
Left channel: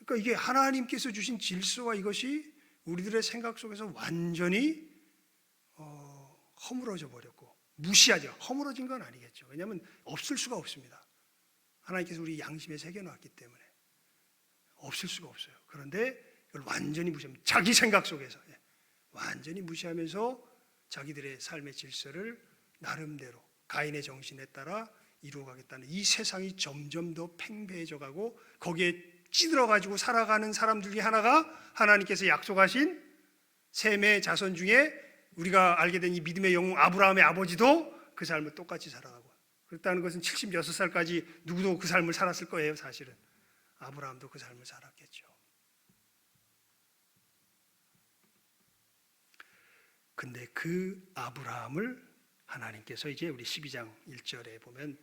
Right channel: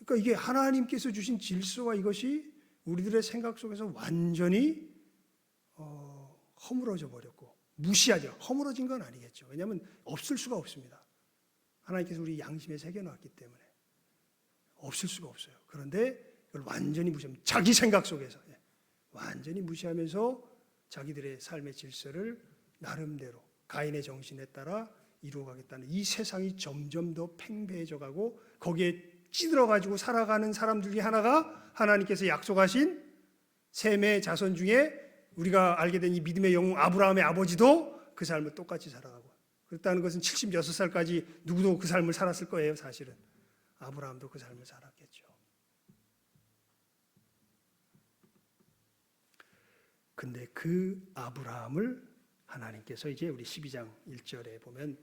그러니까 이게 하나님께서 주신 질서와 이것이 우리들의 생각 속에서 완전히 허물어져 버렸고, 무시하죠. 허물어진 건 아니겠죠. 왜냐하면 없을 수가 없습니다. 하나님께서 우리 양심에 새겨놨기 때문에 없을 수가 없어요. 그런데 이걸 완전히 무시하면, 자기 생각 속에서 완전히 무시하면서 자기들의 삶의 질서를 나름대로 가인의 정신에 따라 이루어가겠다는, 이 세상이 점점 더 팽배해져 가고 거기에 찌들어가지고 살아가는 사람들 중에 하나가 하나님께서 약속하신 셈의 자손 중에 우리가 알게 된 이 믿음의 영웅 아브라함의 아버지도 그 삶을 똑같이 살아가고, 그렇다는 것은 76살까지 누구도 그 삶을 살았을 거예요. 사실은 아브라함도 그 삶을 살았겠죠. 근데 그 아브라함을 하나님께서 이제 우리 12장 1절에 보면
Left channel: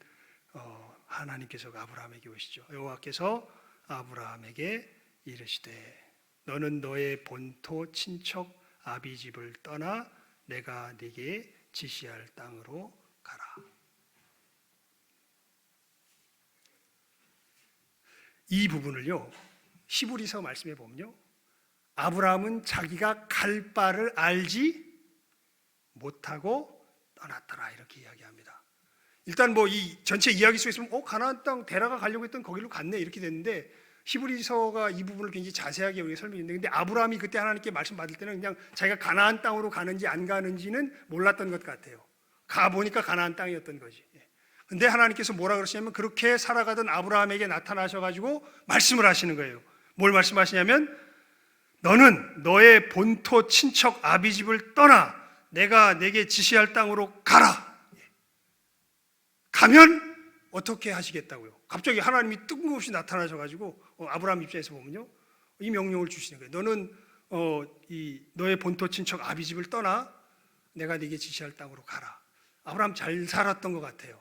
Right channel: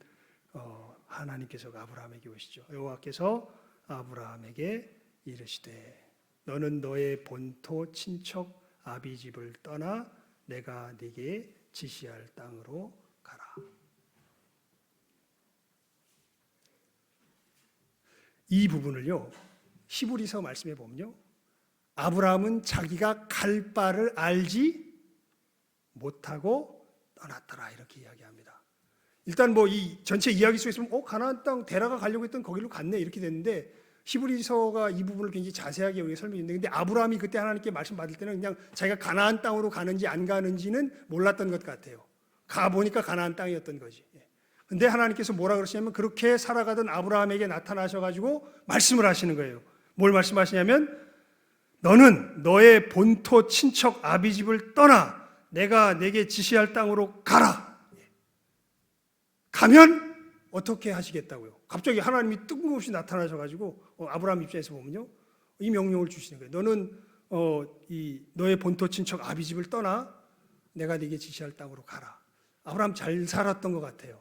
하나님께서 아브라함에게 오시죠. 여호와께서 아브라함에게 이르시되 너는 너의 본토 친척 아비 집을 떠나 내가 네게 지시할 땅으로 가라. 이 부분을요, 히브리서 말씀에 보면요, 아브라함은 자기가 갈 바를 알지 못하고 떠났더라 이렇게 이야기합니다. 일단 뭐 이 전체 이야기 속에서 가나안 땅 데라가 가려고 했던 거기로 갔네 이렇게 됐는데, 히브리서가 이 부분을 굉장히 자세하게 우리가 설명했는데, 근데 아브라함이 그때 하나님께 말씀 받을 때는 그냥 자기가 가나안 땅으로 가는지 안 가는지는 몰랐던 것 같아요. 가 보니까 가나안 땅이었던 거지. 근데 하나님께서 뭐라 그러시냐면, 그렇게 살아가던 아브라함에게 나타나셔가지고 말씀을 하시는 거예요. 뭘 말씀하시냐면, 너는 너의 본토 친척 아비 집을 떠나 내가 내게 지시할 땅으로 가라. 가면 어떻게 하시겠다고요? 갑자기 하나님이 뜬금없이 나타나셔가지고 아브라함 입장에서 보면요, 이 명령을 주시는 거예요. 너는 너의 본토 친척 아비 집을 떠나 내가 네게 지시할 땅으로 가라. 아브라함 잘 살았던 것 같아요.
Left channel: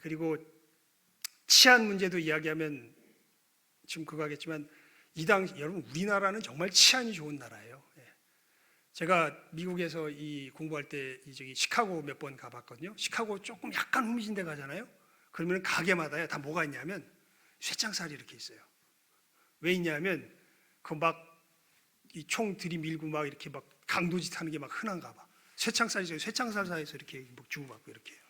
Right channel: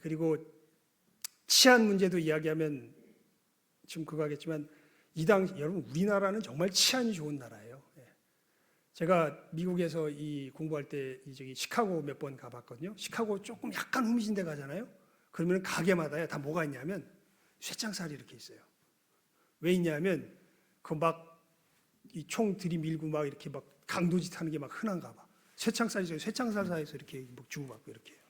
그리고 치안 문제도 이야기하면 지금 그거 하겠지만, 이 당시 여러분 우리나라는 정말 치안이 좋은 나라예요. 제가 미국에서 이 공부할 때 저기 시카고 몇 번 가봤거든요. 시카고 조금 약간 후미진 데 가잖아요. 그러면 가게마다 다 뭐가 있냐면 쇠창살이 이렇게 있어요. 왜 있냐면 그 막 이 총 들이밀고 막 이렇게 막 강도짓 하는 게 막 흔한가 봐. 쇠창살이 있어요. 쇠창살사에서 이렇게 막 주고받고 이렇게.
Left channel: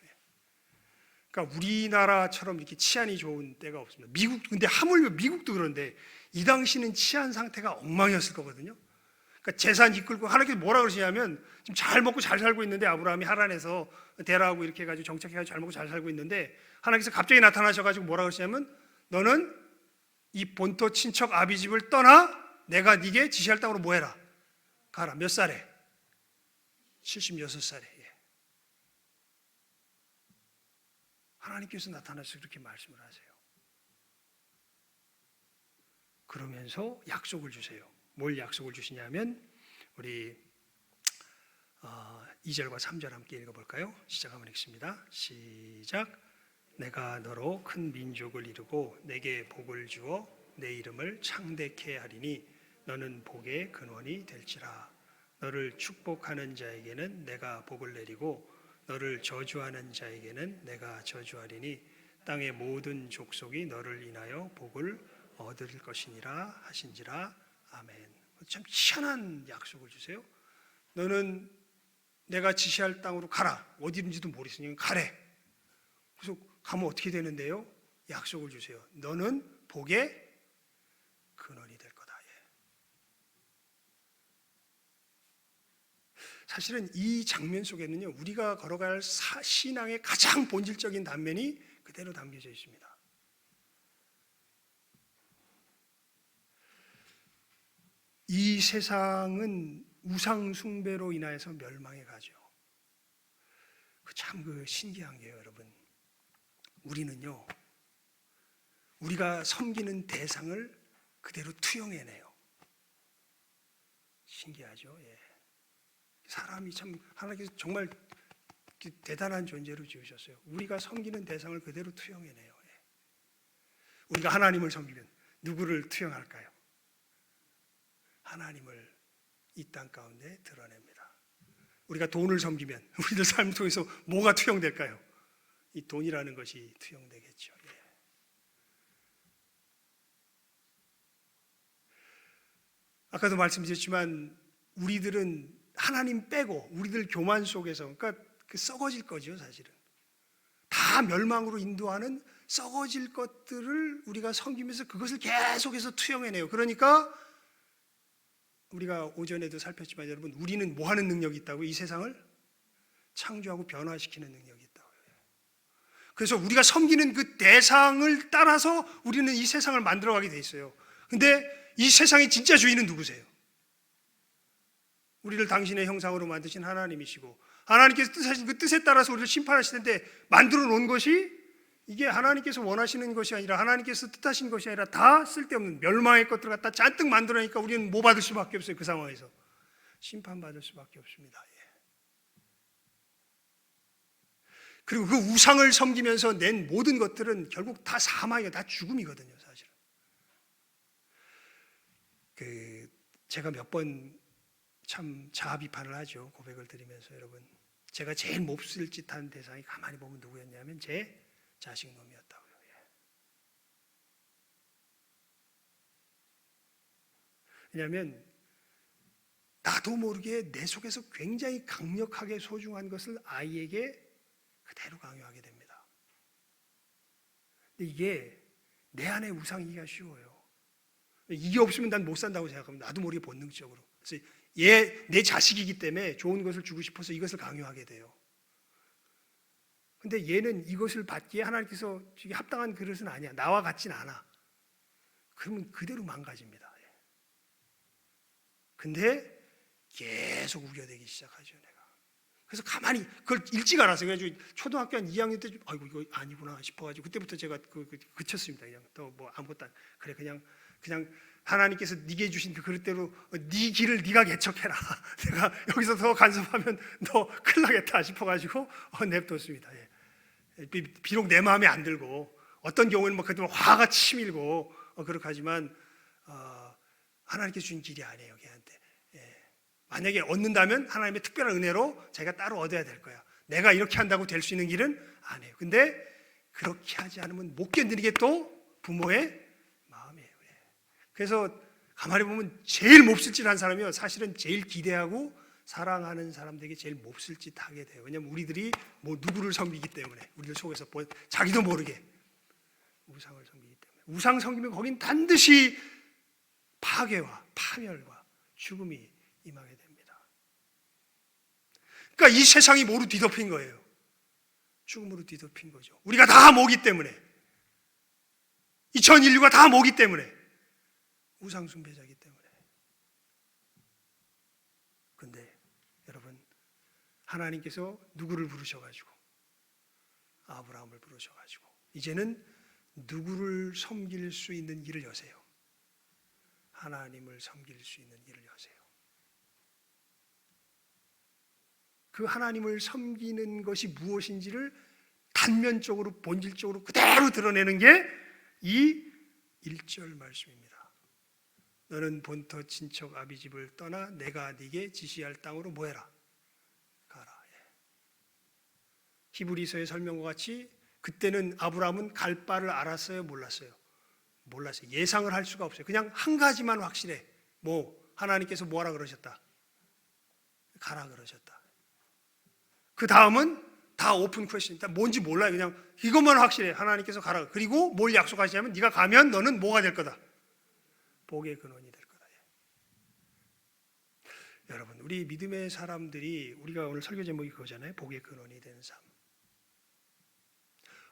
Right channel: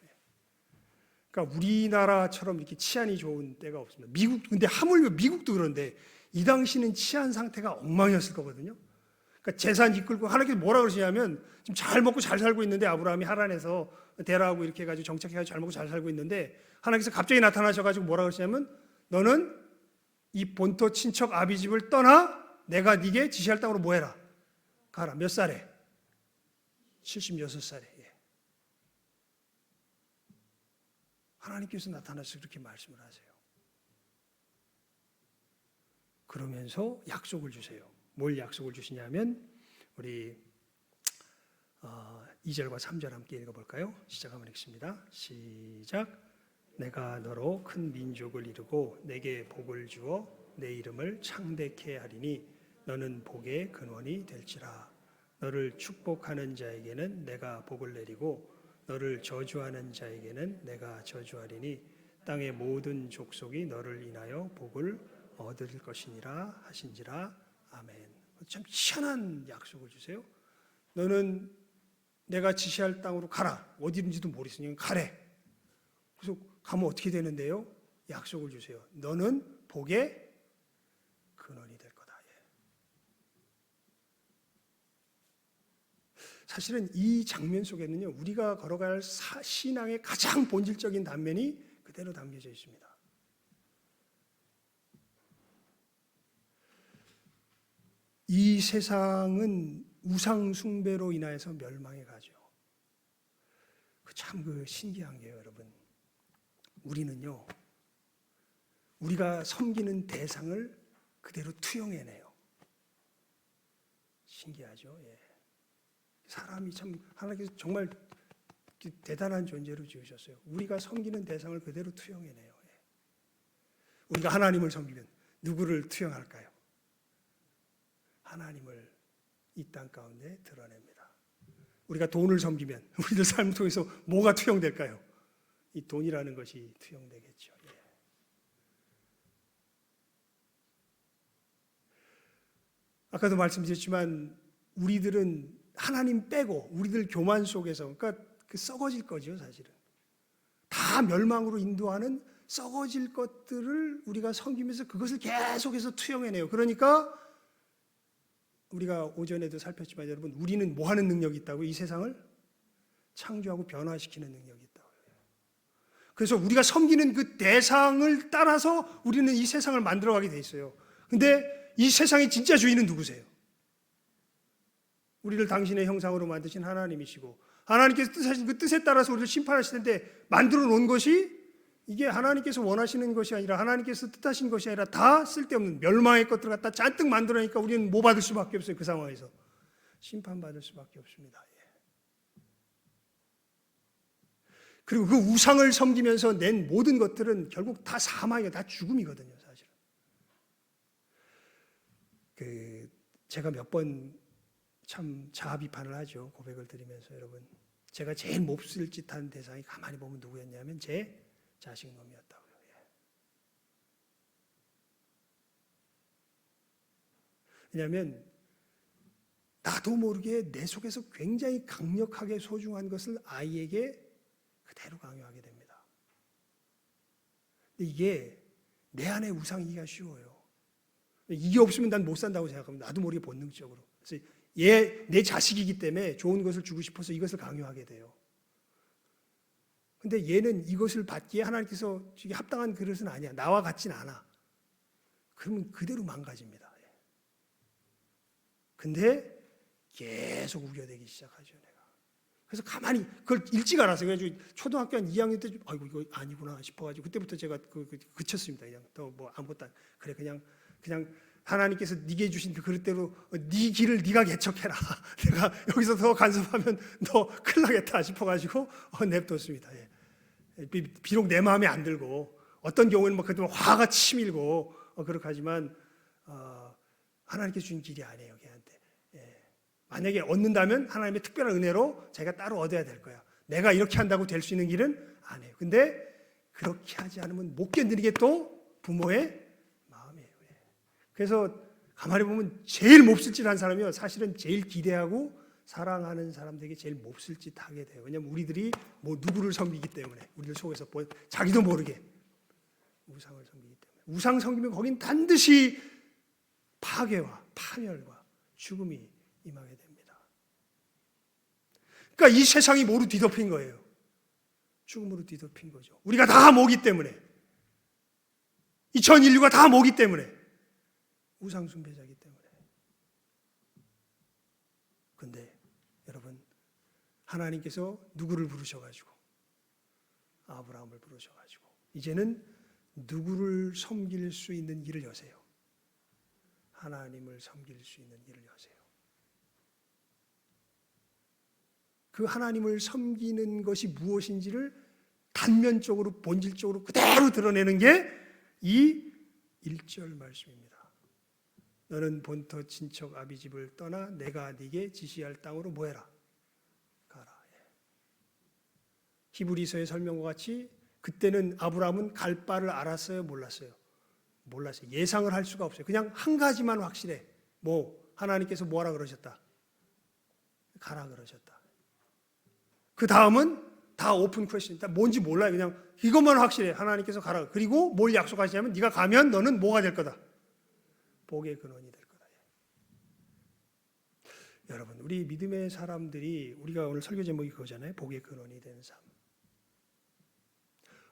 그러니까 우리나라처럼 이렇게 치안이 좋은 때가 없습니다. 미국, 근데 하물며 미국도 그런데 이 당시는 치안 상태가 엉망이었을 거거든요. 그러니까 재산 이끌고 하나님께서 뭐라 그러시냐면, 지금 잘 먹고 잘 살고 있는데 아브라함이 하란에서 데라하고 이렇게 해가지고 정착해가지고 잘 먹고 잘 살고 있는데, 하나님께서 갑자기 나타나셔가지고 뭐라 그러시냐면, 너는 이 본토 친척 아비 집을 떠나 내가 네게 지시할 땅으로 뭐 해라? 가라. 몇 살에? 76살에. 하나님께서 나타나서 그렇게 말씀을 하세요. 그러면서 약속을 주세요. 뭘 약속을 주시냐면, 우리 2절과 3절 함께 읽어볼까요? 시작하면 읽습니다. 시작. 내가 너로 큰 민족을 이루고 내게 복을 주어 내 이름을 창대케 하리니 너는 복의 근원이 될지라. 너를 축복하는 자에게는 내가 복을 내리고 너를 저주하는 자에게는 내가 저주하리니 땅의 모든 족속이 너를 인하여 복을 얻을 것이니라 하신지라. 아멘. 참 희한한 약속을 주세요. 너는 내가 지시할 땅으로 가라. 어디든지도 모르겠으니 가래. 그래서 가면 어떻게 되는데요? 약속을 주세요. 너는 복의 근원이 될 거다. 사실은 이 장면 속에는요, 우리가 걸어갈 신앙의 가장 본질적인 단면이 그대로 담겨져 있습니다. 이 세상은 우상 숭배로 인하여서 멸망해 가죠. 참 신기한 게요, 여러분. 우리는요, 우리가 섬기는 대상을 그대로 투영해내요. 신기하죠. 예. 사람이 참 하나님께서 정말 대단한 존재로 지으셨어요. 우리가 섬기는 대상을 그대로 투영해내요. 예. 우리가 하나님을 섬기면 누구를 투영할까요? 하나님을 이 땅 가운데 드러냅니다. 우리가 돈을 섬기면 우리들 삶을 통해서 뭐가 투영될까요? 이 돈이라는 것이 투영되겠죠. 예. 아까도 말씀드렸지만 우리들은 하나님 빼고 우리들 교만 속에서 그러니까 썩어질 거죠. 사실은 다 멸망으로 인도하는 썩어질 것들을 우리가 섬기면서 그것을 계속해서 투영해내요. 그러니까 우리가 오전에도 살폈지만 여러분, 우리는 뭐 하는 능력이 있다고? 이 세상을 창조하고 변화시키는 능력이 있다고요. 그래서 우리가 섬기는 그 대상을 따라서 우리는 이 세상을 만들어가게 돼 있어요. 근데 이 세상의 진짜 주인은 누구세요? 우리를 당신의 형상으로 만드신 하나님이시고 하나님께서 뜻하신 그 뜻에 따라서 우리를 심판하실 텐데 만들어 놓은 것이 이게 하나님께서 원하시는 것이 아니라 하나님께서 뜻하신 것이 아니라 다 쓸데없는 멸망의 것들을 갖다 잔뜩 만들어내니까 우리는 뭐 받을 수밖에 없어요. 그 상황에서 심판받을 수밖에 없습니다. 예. 그리고 그 우상을 섬기면서 낸 모든 것들은 결국 다 사망이에요. 다 죽음이거든요. 사실은 제가 몇 번 참 자아 비판을 하죠. 고백을 드리면서 여러분, 제가 제일 몹쓸 짓한 대상이 가만히 보면 누구였냐면 제 자식 놈이었다고요. 예. 왜냐하면 나도 모르게 내 속에서 굉장히 강력하게 소중한 것을 아이에게 그대로 강요하게 됩니다. 근데 이게 내 안에 우상이기가 쉬워요. 이게 없으면 난 못 산다고 생각합니다. 나도 모르게 본능적으로. 그래서 얘 내 자식이기 때문에 좋은 것을 주고 싶어서 이것을 강요하게 돼요. 근데 얘는 이것을 받기에 하나님께서 합당한 그릇은 아니야. 나와 같진 않아. 그러면 그대로 망가집니다. 근데 계속 우겨대기 시작하죠, 내가. 그래서 가만히 그걸 일찍 알았어요. 그래가지고 초등학교 한 2학년 때 아이고 이거 아니구나 싶어가지고 그때부터 제가 그쳤습니다. 그냥 또 뭐 아무것도 안, 그래 그냥 하나님께서 네게 주신 그 그릇대로 네 길을 네가 개척해라. 내가 여기서 더 간섭하면 너 큰일 나겠다 싶어가지고 냅뒀습니다. 예. 비록 내 마음에 안 들고 어떤 경우에는 뭐 그래도 화가 치밀고 그렇게 하지만 하나님께서 주신 길이 아니에요. 걔한테. 예. 만약에 얻는다면 하나님의 특별한 은혜로 자기가 따로 얻어야 될 거야. 내가 이렇게 한다고 될 수 있는 길은 아니에요. 근데 그렇게 하지 않으면 못 견디는 게 또 부모의 마음이에요. 예. 그래서 가만히 보면 제일 몹쓸 짓 한 사람이요, 사실은 제일 기대하고 사랑하는 사람들에게 제일 몹쓸 짓 하게 돼요. 왜냐하면 우리들이 뭐 누구를 섬기기 때문에, 우리들 속에서 자기도 모르게 우상을 섬기기 때문에. 우상 섬기면 거긴 반드시 파괴와 파멸과 죽음이 임하게 됩니다. 그러니까 이 세상이 뭐로 뒤덮인 거예요? 죽음으로 뒤덮인 거죠. 우리가 다 모기 때문에, 이 전 인류가 다 모기 때문에, 우상 숭배자이기 때문에. 근데 여러분, 하나님께서 누구를 부르셔가지고? 아브라함을 부르셔가지고 이제는 누구를 섬길 수 있는 길을 여세요. 하나님을 섬길 수 있는 길을 여세요. 그 하나님을 섬기는 것이 무엇인지를 단면적으로 본질적으로 그대로 드러내는 게 이 1절 말씀입니다. 너는 본토 친척 아비 집을 떠나 내가 네게 지시할 땅으로 뭐해라? 가라. 히브리서의 설명과 같이 그때는 아브라함은 갈 바를 알았어요? 몰랐어요? 몰랐어요. 예상을 할 수가 없어요. 그냥 한 가지만 확실해. 하나님께서 뭐하라 그러셨다? 가라 그러셨다. 그 다음은 다 오픈 퀘스천. 뭔지 몰라요. 그냥 이것만 확실해. 하나님께서 가라. 그리고 뭘 약속하시냐면 네가 가면 너는 뭐가 될 거다? 복의 근원이 될 거다. 여러분, 우리 믿음의 사람들이, 우리가 오늘 설교 제목이 그거잖아요. 복의 근원이 되는 삶.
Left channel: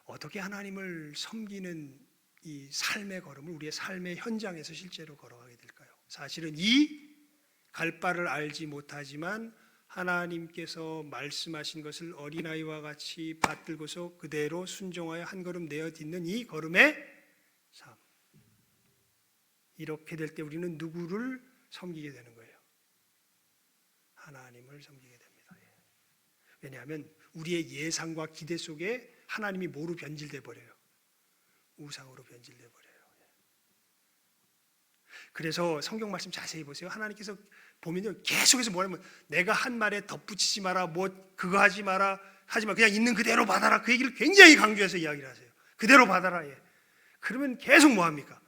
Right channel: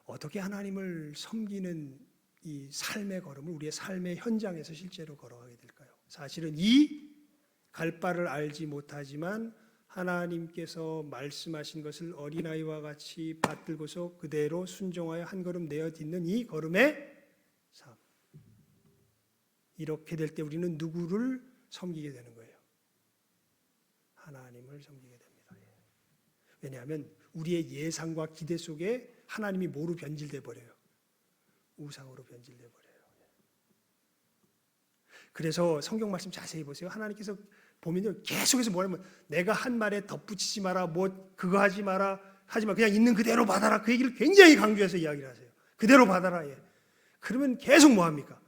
어떻게 하나님을 섬기는 이 삶의 걸음을 우리의 삶의 현장에서 실제로 걸어가게 될까요? 사실은 이 갈 바를 알지 못하지만 하나님께서 말씀하신 것을 어린아이와 같이 받들고서 그대로 순종하여 한 걸음 내어딛는 이 걸음의 삶. 이렇게 될 때 우리는 누구를 섬기게 되는 거예요? 하나님을 섬기게 됩니다. 왜냐하면 우리의 예상과 기대 속에 하나님이 뭐로 변질돼 버려요? 우상으로 변질돼 버려요. 그래서 성경 말씀 자세히 보세요. 하나님께서 보면요, 계속해서 뭐냐면 내가 한 말에 덧붙이지 마라, 뭐 그거 하지 마라, 하지 마, 그냥 있는 그대로 받아라. 그 얘기를 굉장히 강조해서 이야기를 하세요. 그대로 받아라. 예. 그러면 계속 뭐 합니까?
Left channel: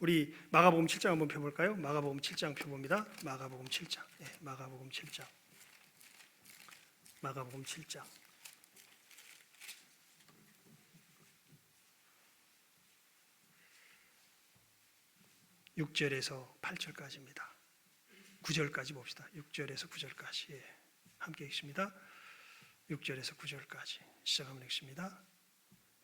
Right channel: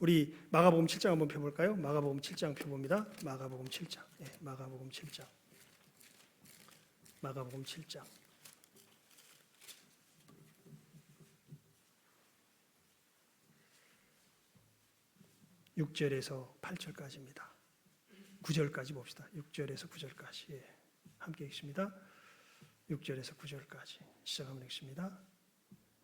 우리 마가복음 7장 한번 펴볼까요? 마가복음 7장 펴봅니다. 마가복음 7장. 예, 마가복음 7장. 마가복음 7장. 6절에서 8절까지입니다. 9절까지 봅시다. 6절에서 9절까지. 예, 함께 읽습니다. 6절에서 9절까지 시작하면 읽습니다.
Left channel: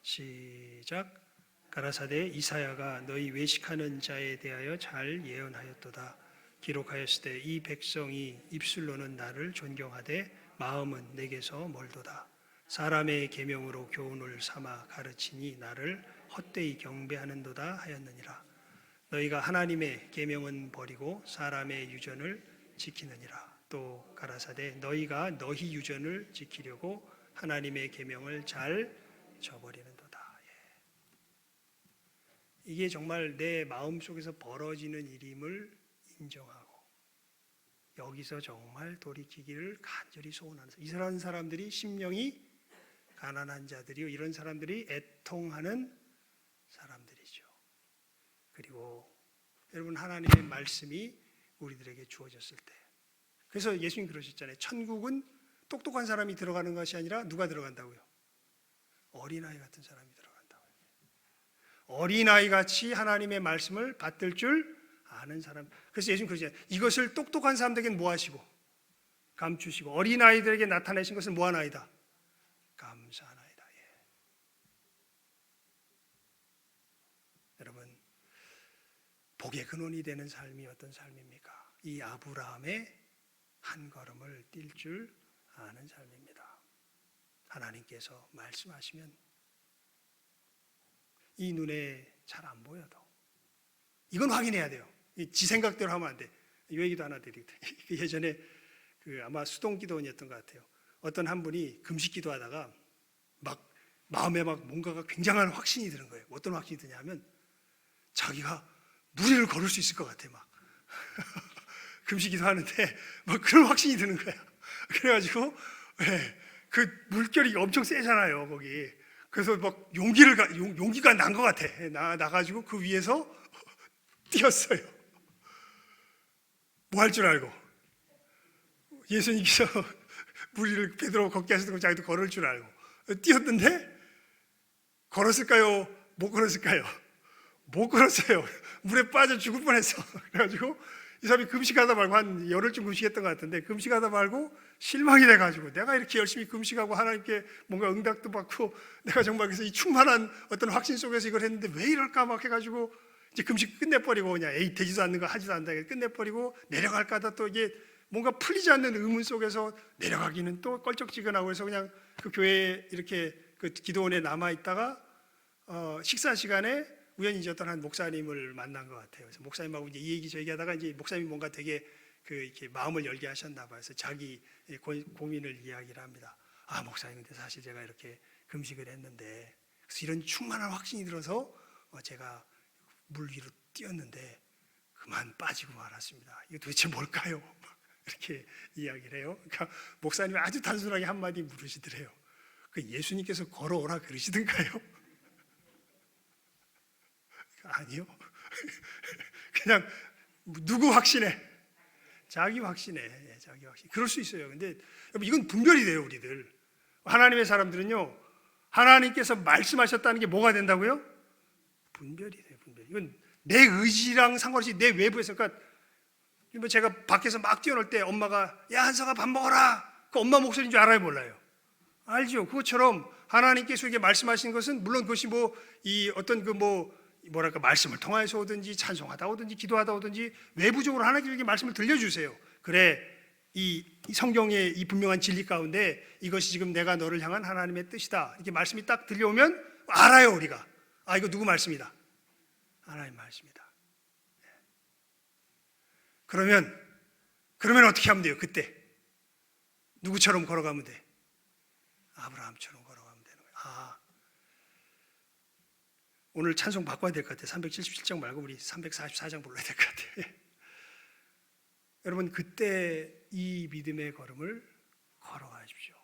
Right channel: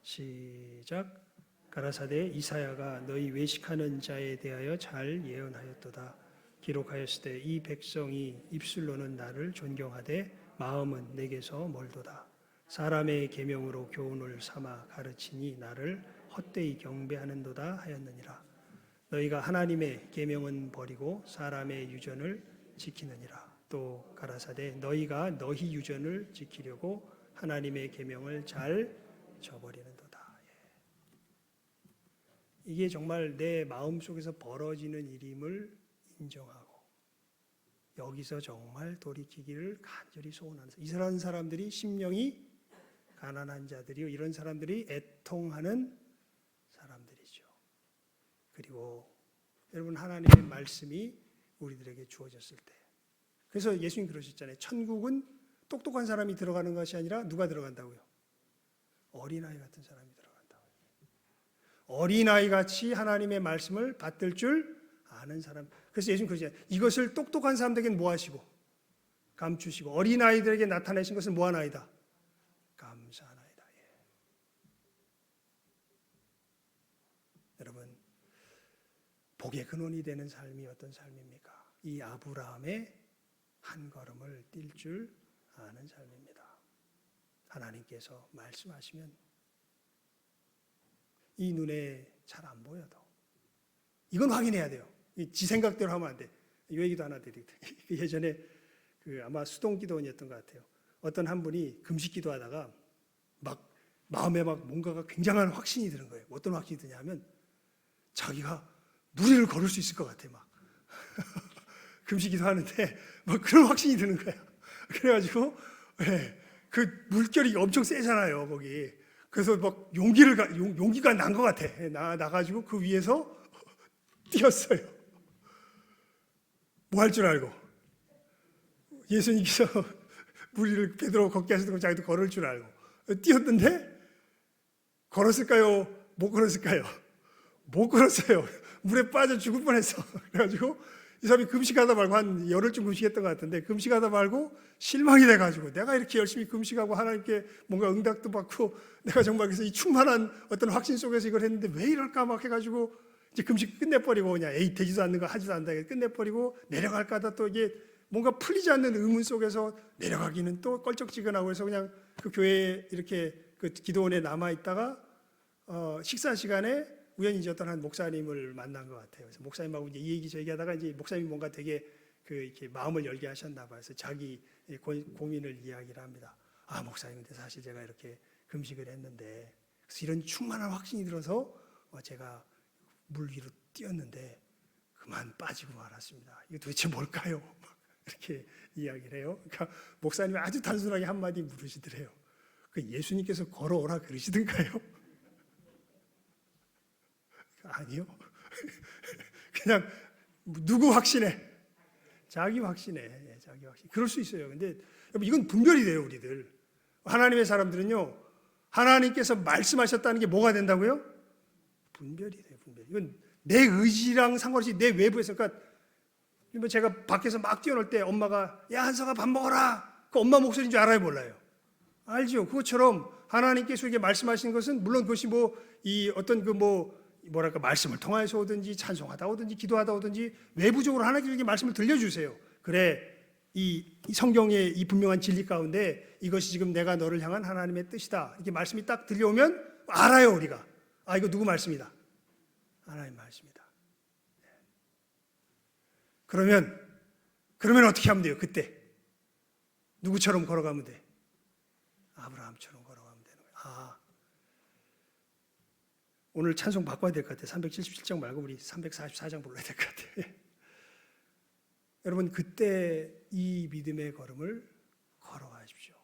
시작. 가라사대 이사야가 너희 외식하는 자에 대하여 잘 예언하였도다. 기록하였을 때 이 백성이 입술로는 나를 존경하되 마음은 내게서 멀도다. 사람의 계명으로 교훈을 삼아 가르치니 나를 헛되이 경배하는도다 하였느니라. 너희가 하나님의 계명은 버리고 사람의 유전을 지키느니라. 또 가라사대 너희가 너희 유전을 지키려고 하나님의 계명을 잘 저버리는도다. 이게 정말 내 마음속에서 벌어지는 일임을 인정하고 여기서 정말 돌이키기를 간절히 소원하는 이런 사람들이 심령이 가난한 자들이요, 이런 사람들이 애통하는 사람들이죠. 그리고 여러분, 하나님의 말씀이 우리들에게 주어졌을 때, 그래서 예수님 그러셨잖아요. 천국은 똑똑한 사람이 들어가는 것이 아니라 누가 들어간다고요? 어린아이 같은 사람이 들어간다고요. 어린아이 같이 하나님의 말씀을 받들 줄 아는 사람. 그래서 예수님 그러잖아요. 이것을 똑똑한 사람들에게는 뭐 하시고 감추시고 어린아이들에게 나타내신 것은 뭐 하나이다? 감사하나이다. 예. 여러분, 복의 근원이 되는 삶이 어떤 삶입니까? 이 아브라함의 한 걸음을 뛸 줄 아는 삶입니다. 하나님께서 말씀하시면 이 눈에 잘 안 보여도 이건 확인해야 돼요. 지 생각대로 하면 안 돼. 이 얘기도 하나 드리겠다. 예전에 아마 수동기도원이었던 것 같아요. 어떤 한 분이 금식 기도하다가 막 마음에 막 뭔가가 굉장한 확신이 드는 거예요. 어떤 확신이 드냐면 자기가 무리를 걸을 수 있을 것 같아. 막 금식 기도하는데 막 그런 확신이 드는 거야. 그래가지고 그 물결이 엄청 세잖아요, 거기. 그래서 막 용기가 난 것 같아. 나가지고 그 위에서 뛰었어요. 뭐 할 줄 알고. 예수님께서 무리를 베드로 걷게 하시던 자기도 걸을 줄 알고 뛰었는데 걸었을까요? 못 걸었을까요? 못 걸었어요. 물에 빠져 죽을 뻔했어. 그래가지고 이 사람이 금식하다 말고 한 열흘쯤 금식했던 것 같은데 금식하다 말고 실망이 돼가지고 내가 이렇게 열심히 금식하고 하나님께 뭔가 응답도 받고 내가 정말 그래서 이 충만한 어떤 확신 속에서 이걸 했는데 왜 이럴까 막 해가지고 이제 금식 끝내버리고 그냥 되지도 않는 거 하지도 않는다 끝내버리고 내려갈까 하다 또 이게 뭔가 풀리지 않는 의문 속에서 내려가기는 또 껄쩍지근하고 해서 그냥 그 교회에 이렇게 그 기도원에 남아있다가 식사 시간에 우연히 이제 어떤 한 목사님을 만난 것 같아요. 그래서 목사님하고 이제 이 얘기 저 얘기하다가 이제 목사님이 뭔가 되게 이렇게 마음을 열게 하셨나 봐요. 그래서 자기 고민을 이야기를 합니다. 아, 목사님, 근데 사실 제가 이렇게 금식을 했는데 그래서 이런 충만한 확신이 들어서 제가 물 위로 뛰었는데 그만 빠지고 말았습니다. 이거 도대체 뭘까요? 이렇게 이야기를 해요. 그러니까 목사님이 아주 단순하게 한마디 물으시더래요. 그 예수님께서 걸어오라 그러시던가요? 아니요. 그냥 누구 확신해? 자기 확신해. 자기 확신. 그럴 수 있어요. 근데 이건 분별이 돼요, 우리들. 하나님의 사람들은요, 하나님께서 말씀하셨다는 게 뭐가 된다고요? 분별이 돼요, 분별. 이건 내 의지랑 상관없이 내 외부에서, 그러니까 제가 밖에서 막 뛰어놀 때 엄마가 야, 한서가 밥 먹어라. 그 엄마 목소리인 줄 알아요, 몰라요? 알죠. 그것처럼 하나님께서 이게 말씀하신 것은 물론 그것이 이 어떤 뭐랄까 말씀을 통해서 오든지 찬송하다 오든지 기도하다 오든지 외부적으로 하나님께 말씀을 들려주세요. 그래, 이 성경의 이 분명한 진리 가운데 이것이 지금 내가 너를 향한 하나님의 뜻이다, 이렇게 말씀이 딱 들려오면 알아요. 우리가 이거 누구 말씀이다, 하나님 말씀이다. 그러면 어떻게 하면 돼요? 그때 누구처럼 걸어가면 돼? 아브라함처럼 걸어가면 되는 거예요. 오늘 찬송 바꿔야 될 것 같아요. 377장 말고 우리 344장 불러야 될 것 같아요. 여러분, 그때 이 믿음의 걸음을 걸어가십시오.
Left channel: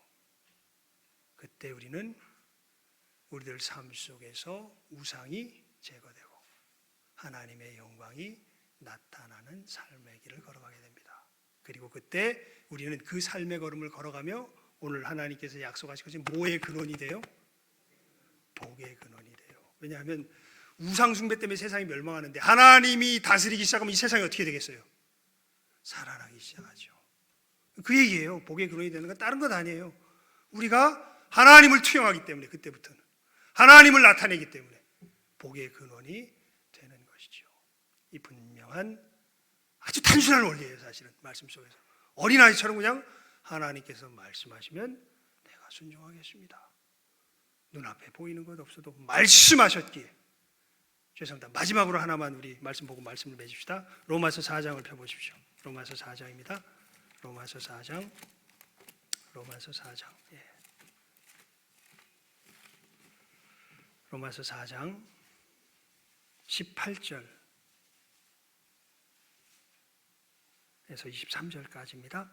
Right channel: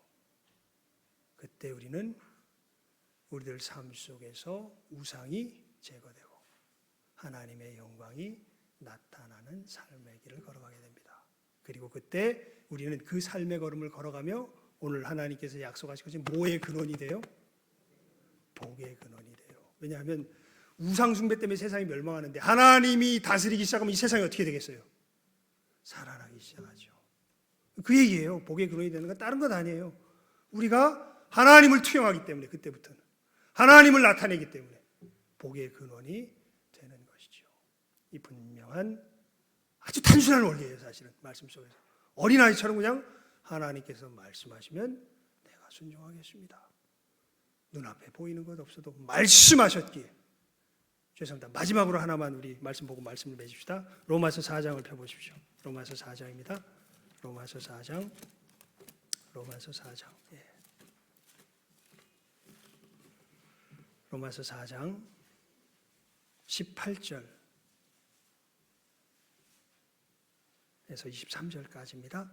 그때 우리는 우리들 삶 속에서 우상이 제거되고 하나님의 영광이 나타나는 삶의 길을 걸어가게 됩니다. 그리고 그때 우리는 그 삶의 걸음을 걸어가며 오늘 하나님께서 약속하신 것이 뭐의 근원이 돼요? 복의 근원이 돼요. 왜냐하면 우상 숭배 때문에 세상이 멸망하는데 하나님이 다스리기 시작하면 이 세상이 어떻게 되겠어요? 살아나기 시작하죠. 그 얘기예요. 복의 근원이 되는 건 다른 것 아니에요. 우리가 하나님을 투영하기 때문에, 그때부터는 하나님을 나타내기 때문에 복의 근원이 되는 것이죠. 이 분명한 아주 단순한 원리예요. 사실은 말씀 속에서 어린아이처럼 그냥 하나님께서 말씀하시면 내가 순종하겠습니다. 눈앞에 보이는 것 없어도 말씀하셨기에. 죄송합니다. 마지막으로 하나만 우리 말씀 보고 말씀을 맺읍시다. 로마서 4장을 펴보십시오. 로마서 4장입니다. 로마서 4장. 예. 로마서 4장 18절에서 23절까지입니다.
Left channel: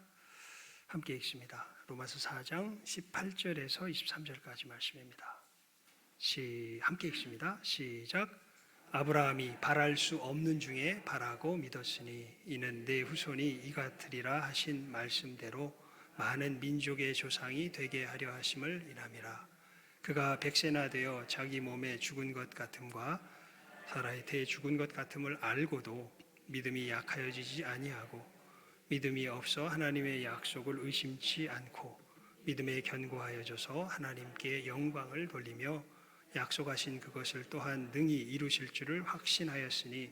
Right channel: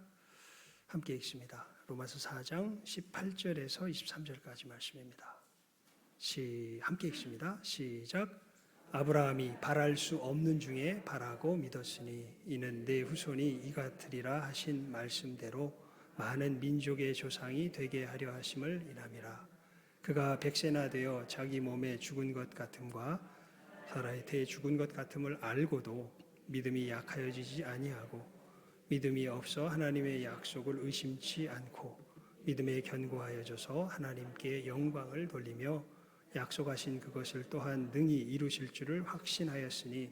함께 읽습니다. 로마서 4장 18절에서 23절까지 말씀입니다. 함께 읽습니다. 시작. 아브라함이 바랄 수 없는 중에 바라고 믿었으니 이는 내 후손이 이 같으리라 하신 말씀대로 많은 민족의 조상이 되게 하려 하심을 인함이라. 그가 백세나 되어 자기 몸에 죽은 것 같음과 사라의 태에 죽은 것 같음을 알고도 믿음이 약하여지지 아니하고 믿음이 없어 하나님의 약속을 의심치 않고 믿음에 견고하여져서 하나님께 영광을 돌리며 약속하신 그것을 또한 능히 이루실 줄을 확신하였으니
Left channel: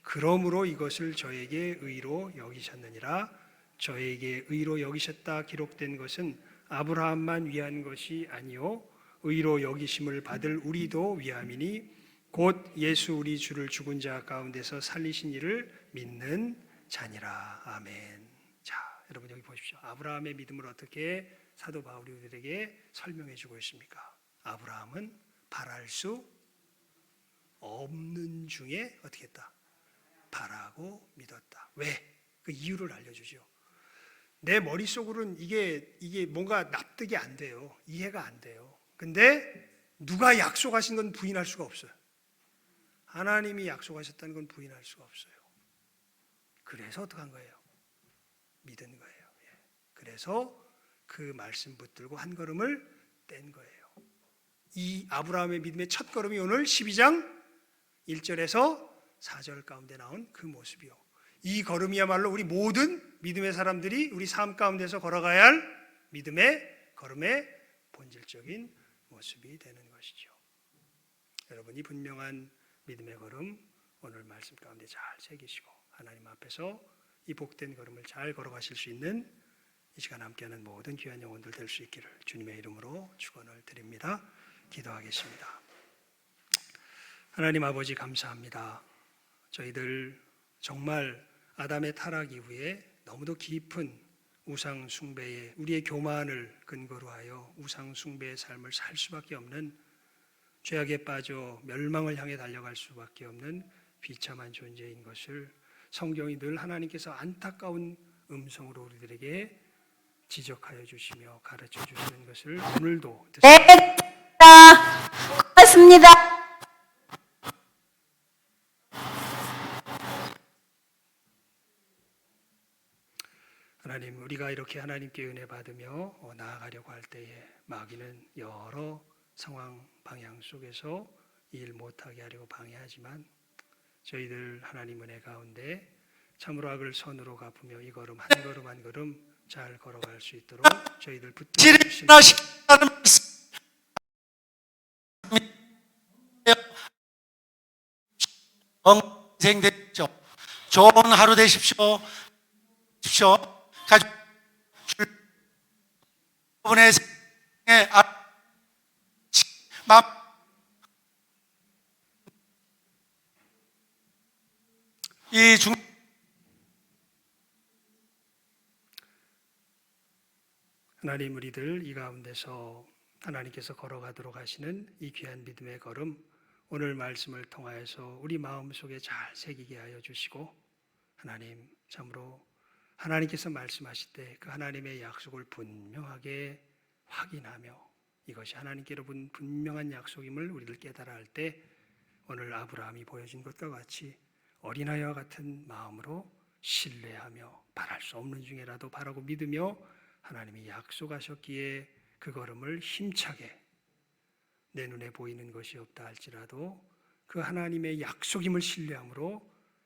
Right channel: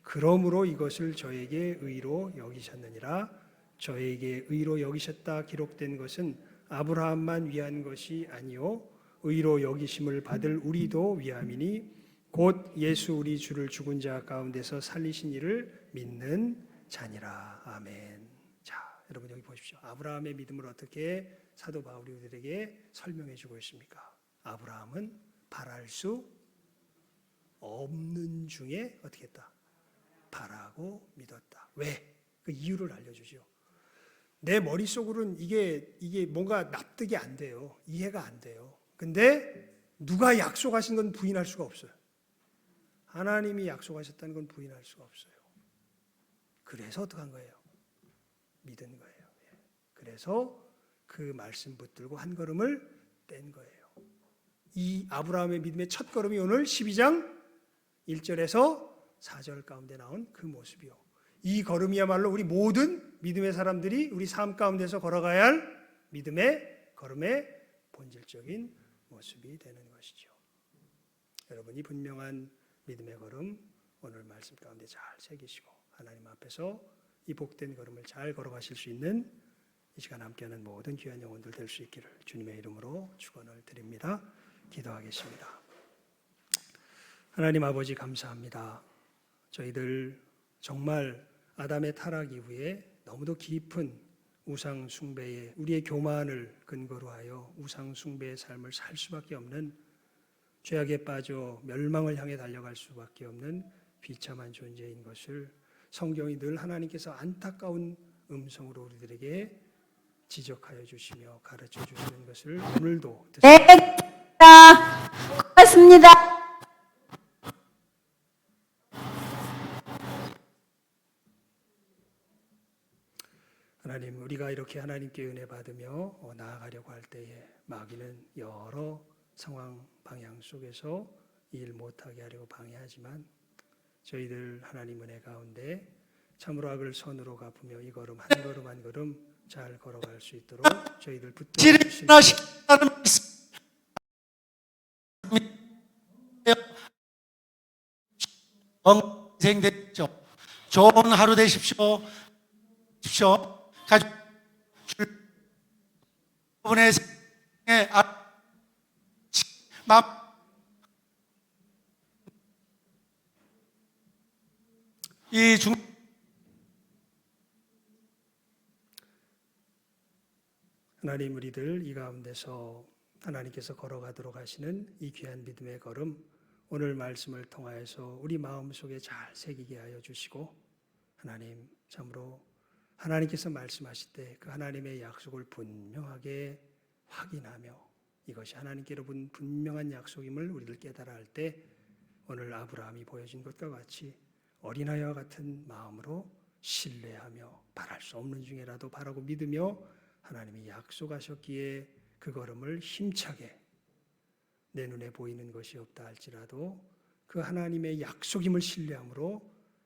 그러므로 이것을 저에게 의로 여기셨느니라. 저에게 의로 여기셨다 기록된 것은 아브라함만 위한 것이 아니요 의로 여기심을 받을 우리도 위함이니 곧 예수 우리 주를 죽은 자 가운데서 살리신 이를 믿는 자니라. 아멘. 자, 여러분 여기 보십시오. 아브라함의 믿음을 어떻게 사도 바울이 우리에게 설명해 주고 있습니까? 아브라함은 바랄 수 없는 중에 어떻게 했다? 바라고 믿었다. 왜? 그 이유를 알려주죠. 내 머릿속으로는 이게 뭔가 납득이 안 돼요. 이해가 안 돼요. 근데 누가 약속하신 건 부인할 수가 없어요. 하나님이 약속하셨다는 건 부인할 수가 없어요. 그래서 어떻게 한 거예요? 믿은 거예요. 그래서 그 말씀 붙들고 한 걸음을 뗀 거예요. 이 아브라함의 믿음의 첫 걸음이 오늘 12장 1절에서 4절 가운데 나온 그 모습이요. 이 걸음이야말로 우리 모든 믿음의 사람들이 우리 삶 가운데서 걸어가야 할 믿음의 걸음의 본질적인 모습이 되는 것이죠. 여러분이 분명한 믿음의 걸음 오늘 말씀 가운데 잘 새기시고 하나님 앞에서 이 복된 걸음을 잘 걸어가실 수 있는 이 시간 함께하는 모든 귀한 영혼들 될 수 있기를 주님의 이름으로 축원을 드립니다. 기도하겠습니다. 하나님 아버지 감사합니다. 저희들 정말 아담의 타락 이후에 너무도 깊은 우상 숭배에 우리의 교만을 근거로 하여 우상 숭배의 삶을 살 수밖에 없는 죄악에 빠져 멸망을 향해 달려갈 수밖에 없는 비참한 존재인 것을 성경이 늘 하나님께서 안타까운 음성으로 우리들에게 지적하여 주시며 가르쳐 주시는 것을 오늘도 듣습니다. 고맙습니다. 하나님, 우리가 이렇게 하나님께 은혜 받으며 나아가려고 할 때에 마귀는 여러 상황 방향 속에서 일 못하게 하려고 방해하지만 저희들 하나님 은혜 가운데 참으로 악을 선으로 갚으며 이 걸음 한 걸음 한 걸음 잘 걸어갈 수 있도록 저희들 붙들어 주시는 건강생되십시오. 좋은 하루 되십시오. 가지고 여러분의 생에 이 하나님 우리들 이 가운데서 하나님께서 걸어가도록 하시는 이 귀한 믿음의 걸음, 오늘 말씀을 통하여서 우리 마음속에 잘 새기게 하여 주시고, 하나님 참으로 하나님께서 말씀하실 때 그 하나님의 약속을 분명하게 확인하며 이것이 하나님께로 분명한 약속임을 우리들 깨달아 할 때 오늘 아브라함이 보여준 것과 같이 어린아이와 같은 마음으로 신뢰하며 바랄 수 없는 중에라도 바라고 믿으며 하나님이 약속하셨기에 그 걸음을 힘차게, 내 눈에 보이는 것이 없다 할지라도 그 하나님의 약속임을 신뢰함으로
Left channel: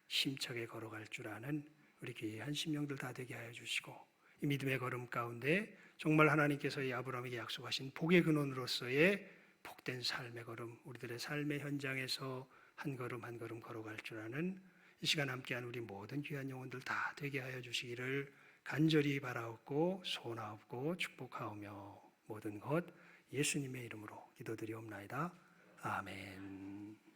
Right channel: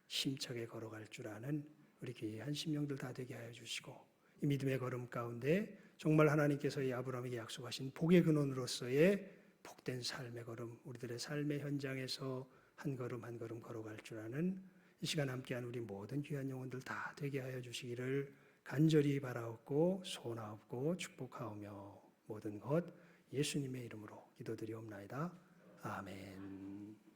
힘차게 걸어갈 줄 아는 우리 귀한 심령들 다 되게 하여 주시고, 이 믿음의 걸음 가운데 정말 하나님께서 이 아브라함에게 약속하신 복의 근원으로서의 복된 삶의 걸음, 우리들의 삶의 현장에서 한 걸음 한 걸음 걸어갈 줄 아는 이 시간 함께한 우리 모든 귀한 영혼들 다 되게 하여 주시기를 간절히 바라옵고 소원하옵고 축복하오며 모든 것 예수님의 이름으로 기도드리옵나이다. 아멘.